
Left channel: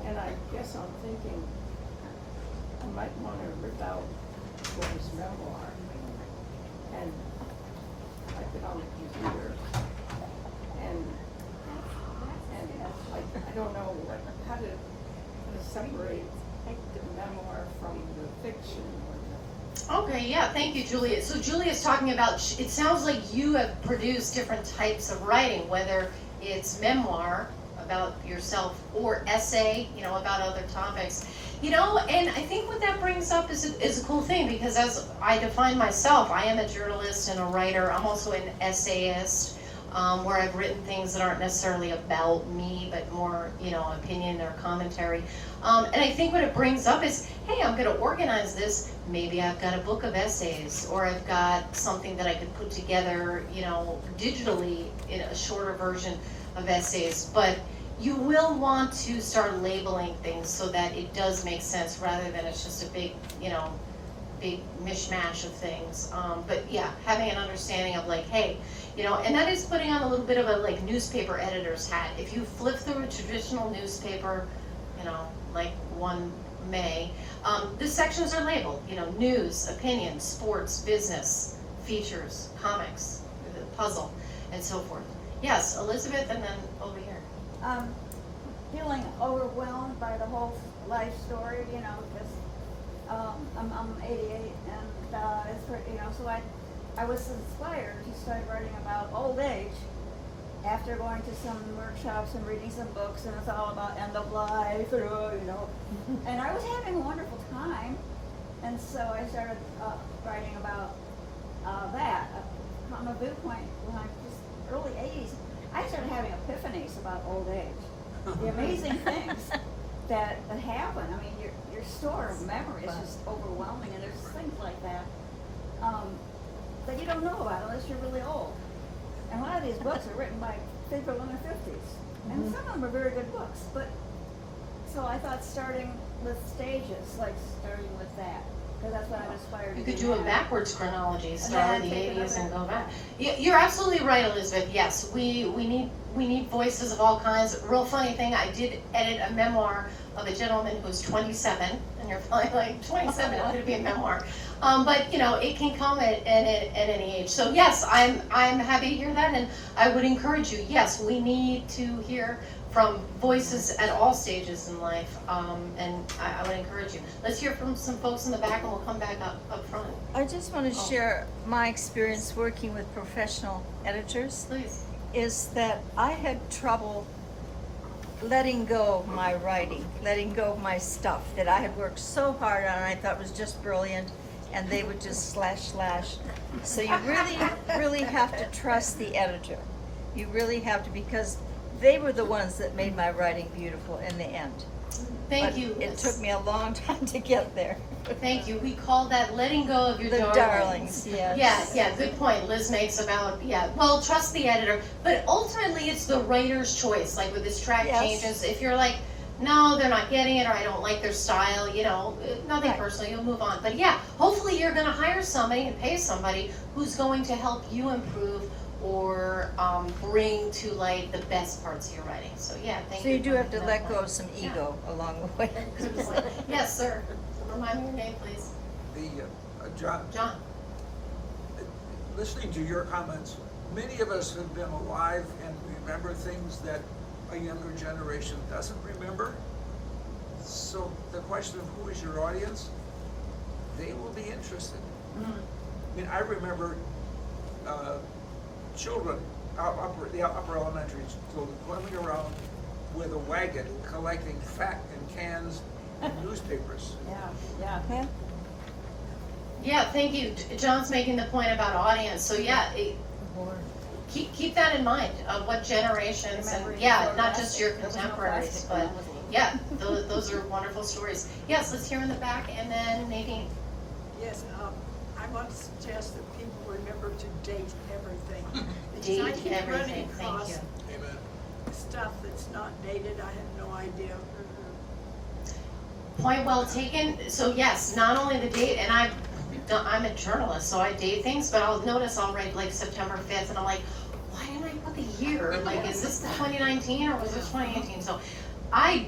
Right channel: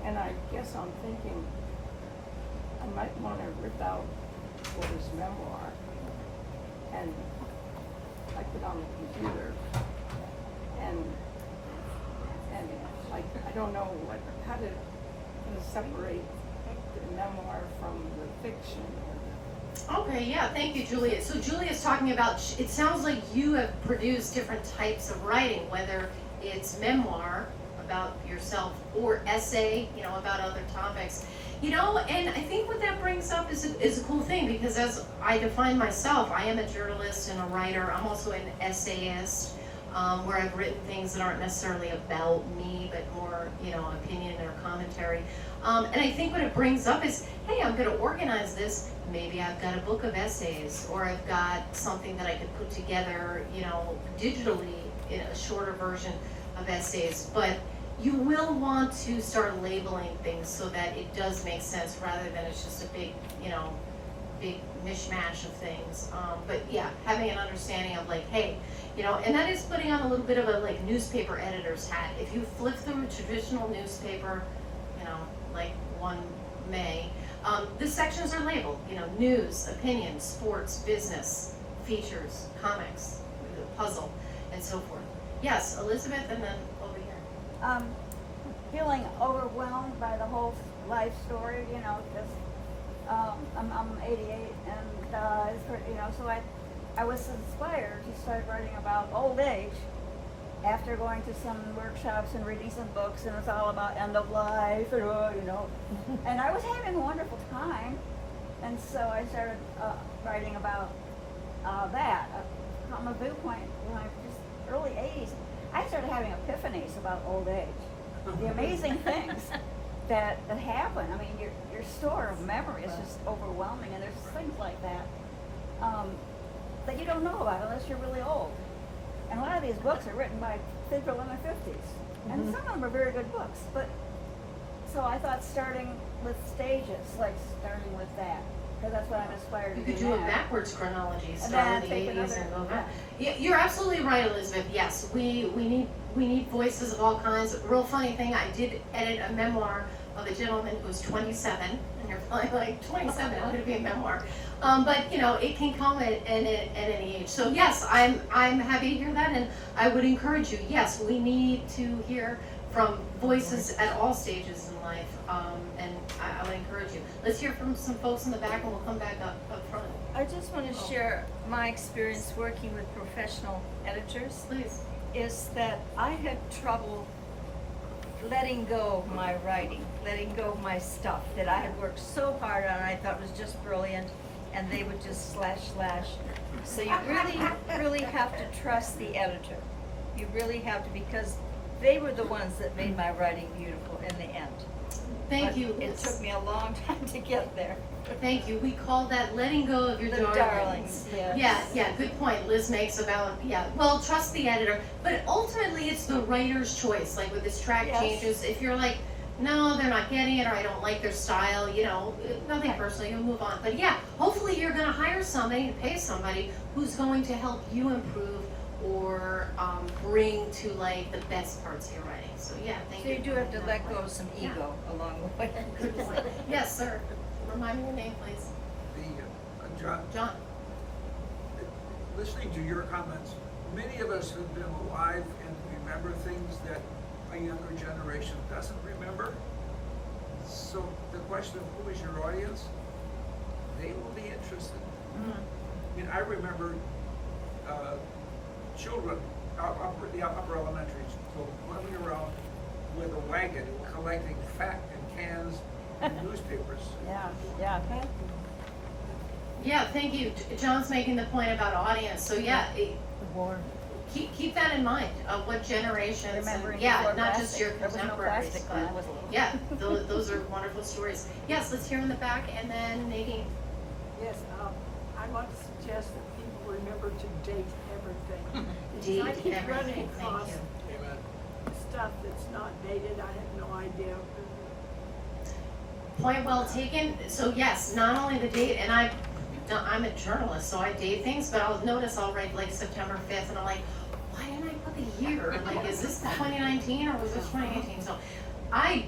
And I guess I'm thinking I might want to rip out what is memoir and type it on the computer and I don't know how to separate the memoir from the fiction or Okay, yeah, thank you, Juliet. So Juliet's talking about, it sounds like you have produced different types of writing, whether it's memoir about yourself or essay, about other topics. And I think what that brings up is a cool thing, because as I define myself, I am a journalist and a writer. I'm also an essayist, where I've written things that aren't necessarily about me, but more, opinion or commentary. And I think what it brings up is, hey, I'm gonna organize this. Maybe I've got a book of essays, or I've got something that I could put together, digitally in a shorter version of essays. But you will want to start labeling things so that it does make sense, rather than it's just a big, big mishmash of things. But yeah, having an understanding of like, hey, and that is putting on a little bit of a like newspaper editor's hat. If you flip through a traditional newspaper, like one may, the sections are labeled, news, opinions, sports, business, features, comics, the puzzle, and so forth. Yes, Elizabeth, and then over here. Feeling overwhelmed by the whole life story, because I'm 88 and it's pretty, so I was inspired to start writing about old age after going to some workshops and reading some books, and it's all about end of life, and I was having a wonderful time, and so I started writing about that. From a viewpoint, just early 80s, I started having epiphanies about old age. The amazing things that happen. I mean, your store of memory is just overwhelming, and there's things like that that you don't know about unless you're really old. And a lot of these books are written by people in their 50s, and some of them are very good books. But so I thought starting with stages, like starting with that, because that's what I'm inspired You to could do do a now. backwards chronology, And start then with the take it 80s and over. go back. You're absolutely right, Elizabeth. Yes, we need voices of all kinds. Real funny thing, I did edit a memoir of a gentleman who's 27, and you're probably like, 27, how could it be a memoir? But it can come at any age. So yes, I'm happy to hear that, and I would encourage you. Yes, we need to hear from voices at all stages in life, and I would encourage you. Let's hear from some folks in the back, and we'll come back up front. I just want to share my experience working with professional editors. Please. Is that I had trouble letting go of my writing, letting go of my stuff that I had worked so hard on and I thought was just brilliant, and they would just slash. So you really have to trust the editor. You really have to, because they were the ones that made my writing beautiful in the end. Thank But you, It Liz. took me a long time to get there. Thank you. We call that letting go of your The darlings. darlings, yes. Yeah, good point Liz makes about, well, trust the editor, but ultimately it's the writer's choice, like with this track Yes. changes. If you're like, no, they're not getting it, or I don't like their style, nothing Right. personal, you'll move on. But yeah, hopefully you're gonna hire somebody and pay somebody who's going to help you improve or bring to light the best parts of your writing. So yeah, thank So you. you do for have to making let that go point. of some ego along the way. Yes, sir. Remind me your name, please. John, John. listening to your comments, many of us have been alive and remember things that a younger generation doesn't remember. So the question of who is your audience, they will be interested. I mean, I remember children, the upper elementary school, going around with a wagon collecting fat and cans and newspapers. Yeah. Yeah, thank you. John's making the point about audience, so yeah, keep that in mind, of what generations, and Remembering yeah, before not just your plastic. There was no contemporaries, plastic but when I was little. yeah, those are wonderful stories. Yes, let's hear in the back, and then Nadine. Yes, I want to suggest that people remember to date everything. Date Because I keep everything, running thank across you. Amen. stuff that's not dated, I had no idea. Point well taken. So yes, not only the date, and I'm a journalist, so I date things, but I'll write like September 5th, and I'm like, why didn't I put the year? Like, is this 2019 or was this 2018? So I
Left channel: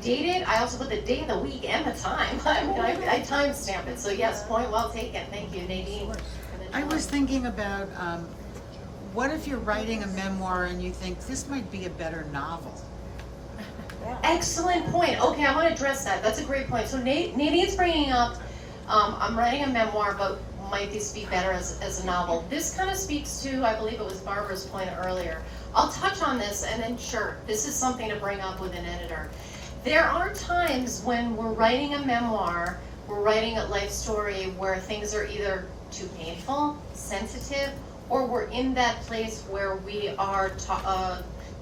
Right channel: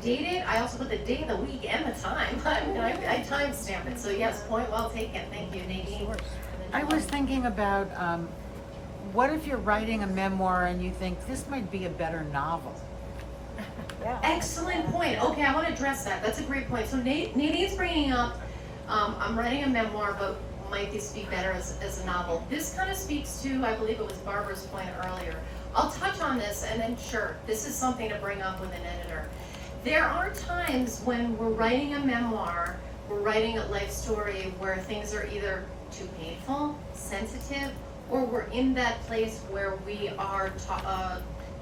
date it. I also put the day of the week and the time. I mean, I timestamp it. So yes, point well taken. Thank you, Nadine. I was thinking about what if you're writing a memoir and you think this might be a better novel? Excellent point. Okay, I want to address that. That's a great point. So Nadine's bringing up, I'm writing a memoir, but might this be better as a novel? This kind of speaks to, I believe it was Barbara's point earlier. I'll touch on this, and then sure, this is something to bring up with an editor. There are times when we're writing a memoir, we're writing a life story where things are either too painful, sensitive, or we're in that place where we are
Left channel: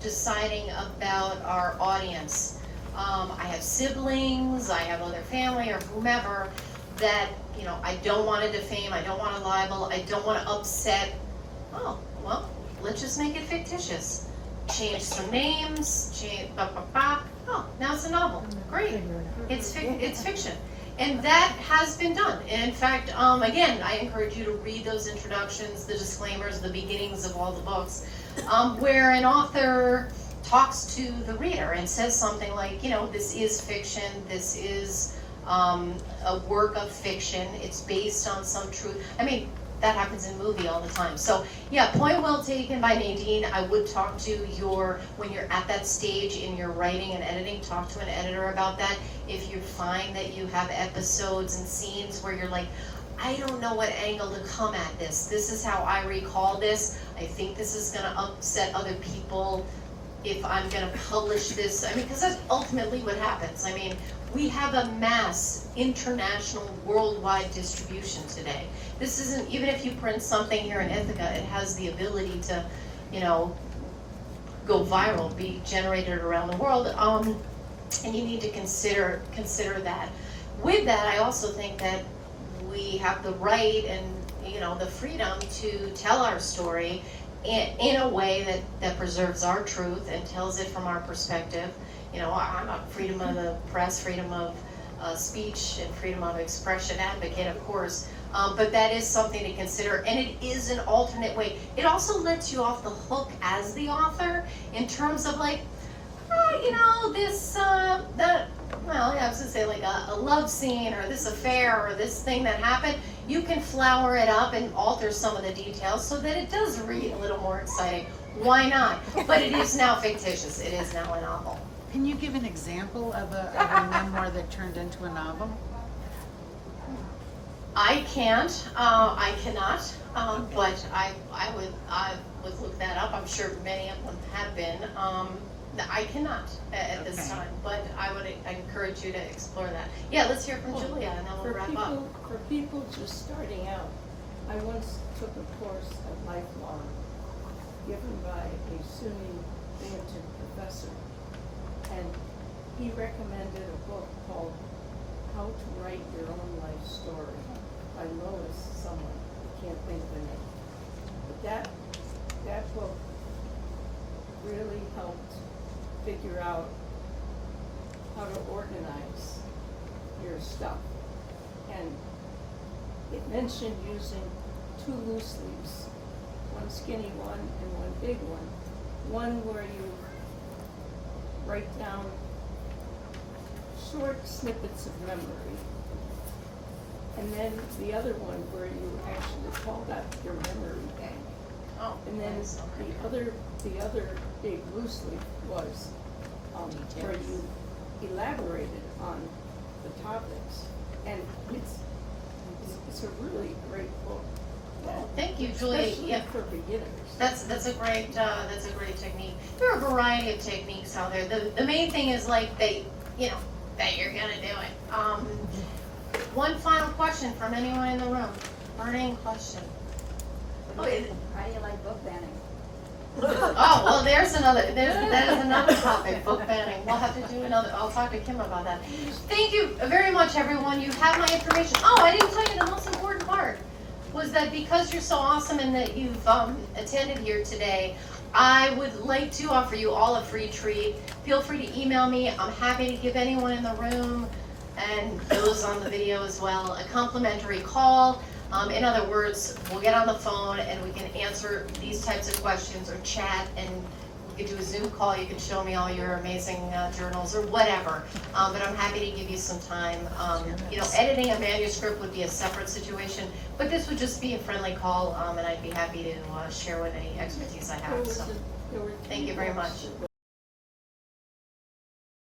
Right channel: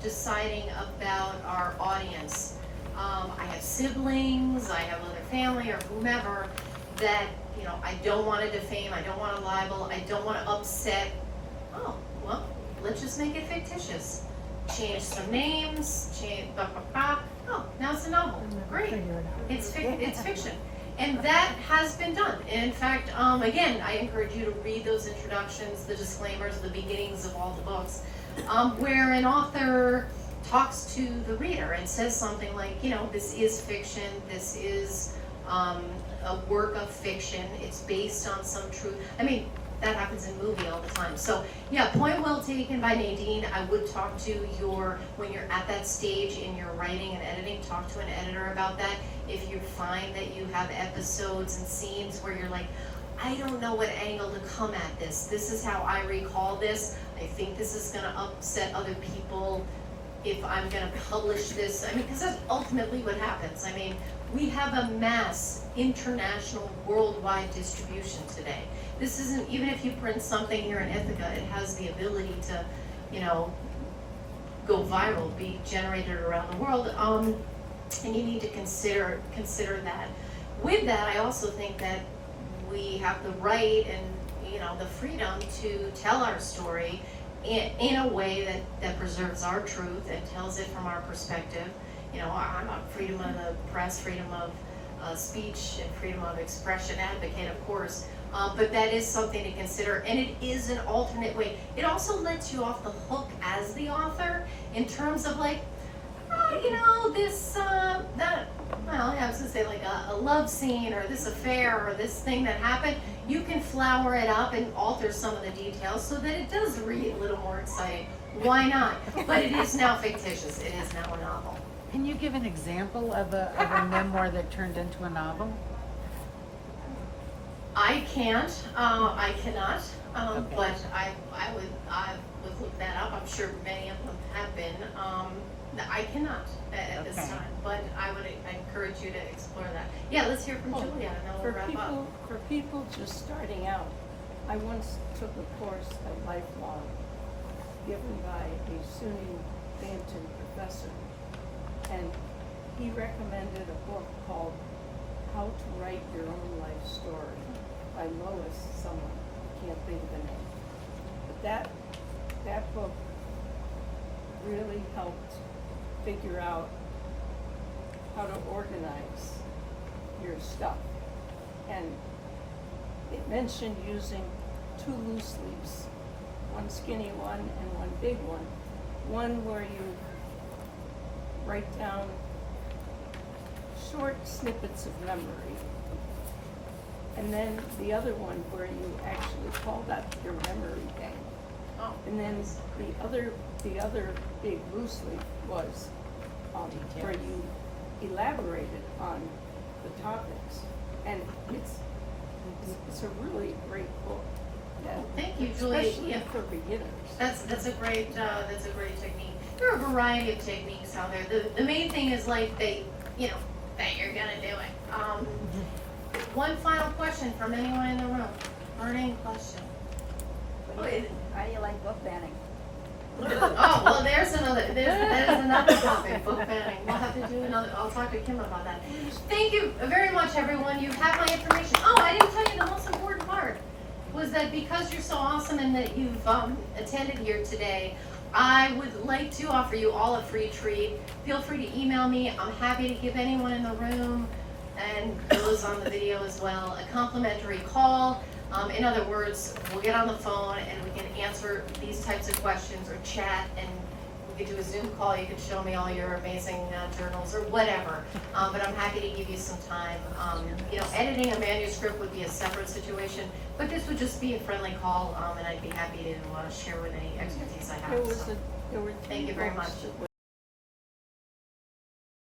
deciding about our audience. I have siblings, I have other family or whomever that, you know, I don't want to defame, I don't want to libel, I don't want to upset. Oh, well, let's just make it fictitious. Change some names, change, oh, now it's a novel. Great. It's fiction. And that has been done. And in fact, again, I encourage you to read those introductions, the disclaimers, the beginnings of all the books, where an author talks to the reader and says something like, you know, this is fiction, this is a work of fiction, it's based on some truth. I mean, that happens in movie all the time. So yeah, point well taken by Nadine. I would talk to when you're at that stage in your writing and editing, talk to an editor about that. If you find that you have episodes and scenes where you're like, I don't know what angle to come at this. This is how I recall this. I think this is gonna upset other people if I'm gonna publish this. I mean, because that's ultimately what happens. I mean, we have a mass international worldwide distribution today. This isn't, even if you print something here in Ithaca, it has the ability to, you know, go viral, be generated around the world. And you need to consider that. With that, I also think that we have the right and, you know, the freedom to tell our story in a way that preserves our truth and tells it from our perspective. You know, I'm a freedom of the press, freedom of speech, and freedom of expression advocate, of course. But that is something to consider, and it is an alternate way. It also lets you off the hook as the author in terms of like, you know, this, that, well, yeah, I was gonna say like a love scene or this affair or this thing that happened. You can flower it up and alter some of the details so that it does read a little more exciting. Why not? But it is now fictitious. It is now a novel. Can you give an example of a memoir that turned into a novel? I can't, I cannot, Okay. but I would look that up. I'm sure many of them have been. I cannot at this Okay. time, but I would encourage you to explore that. Yeah, let's hear from Julia, and then we'll wrap up. For people just starting out, I once took a course at Lifelong given by a SUNY Binghamton professor, and he recommended a book called How to Write Your Own Life Story by Lois someone, I can't think of the name. But that book really helped figure out how to organize your stuff. And it mentioned using 2 loose leaves, one skinny one and one big one. One where you write down short snippets of memory, and then the other one where you actually called out your memory bank. Oh, And then the other big loose leaf was where you elaborated on the topics, and it's a really great book. Well, thank you, Julia. Especially Yeah. for beginners. That's a great technique. There are a variety of techniques out there. The main thing is like that you're gonna do it. One final question from anyone in the room. Burning question. Oh, How do you like book banning? Oh, well, that is another topic, book banning. We'll have to do another, I'll talk to Kim about that. Thank you very much, everyone. You have my information. Oh, I didn't tell you the most important part was that because you're so awesome and that you've attended here today, I would like to offer you all a free treat. Feel free to email me. I'm happy to give anyone in the room and those on the video as well a complimentary call. In other words, we'll get on the phone and we can answer these types of questions or chat, and we could do a Zoom call, you could show me all your amazing journals or whatever. But I'm happy to give you some time. You know, editing a manuscript would be a separate situation, but this would just be a friendly call, and I'd be happy to share what any expertise I There have, was so. there were Thank you three very books much. that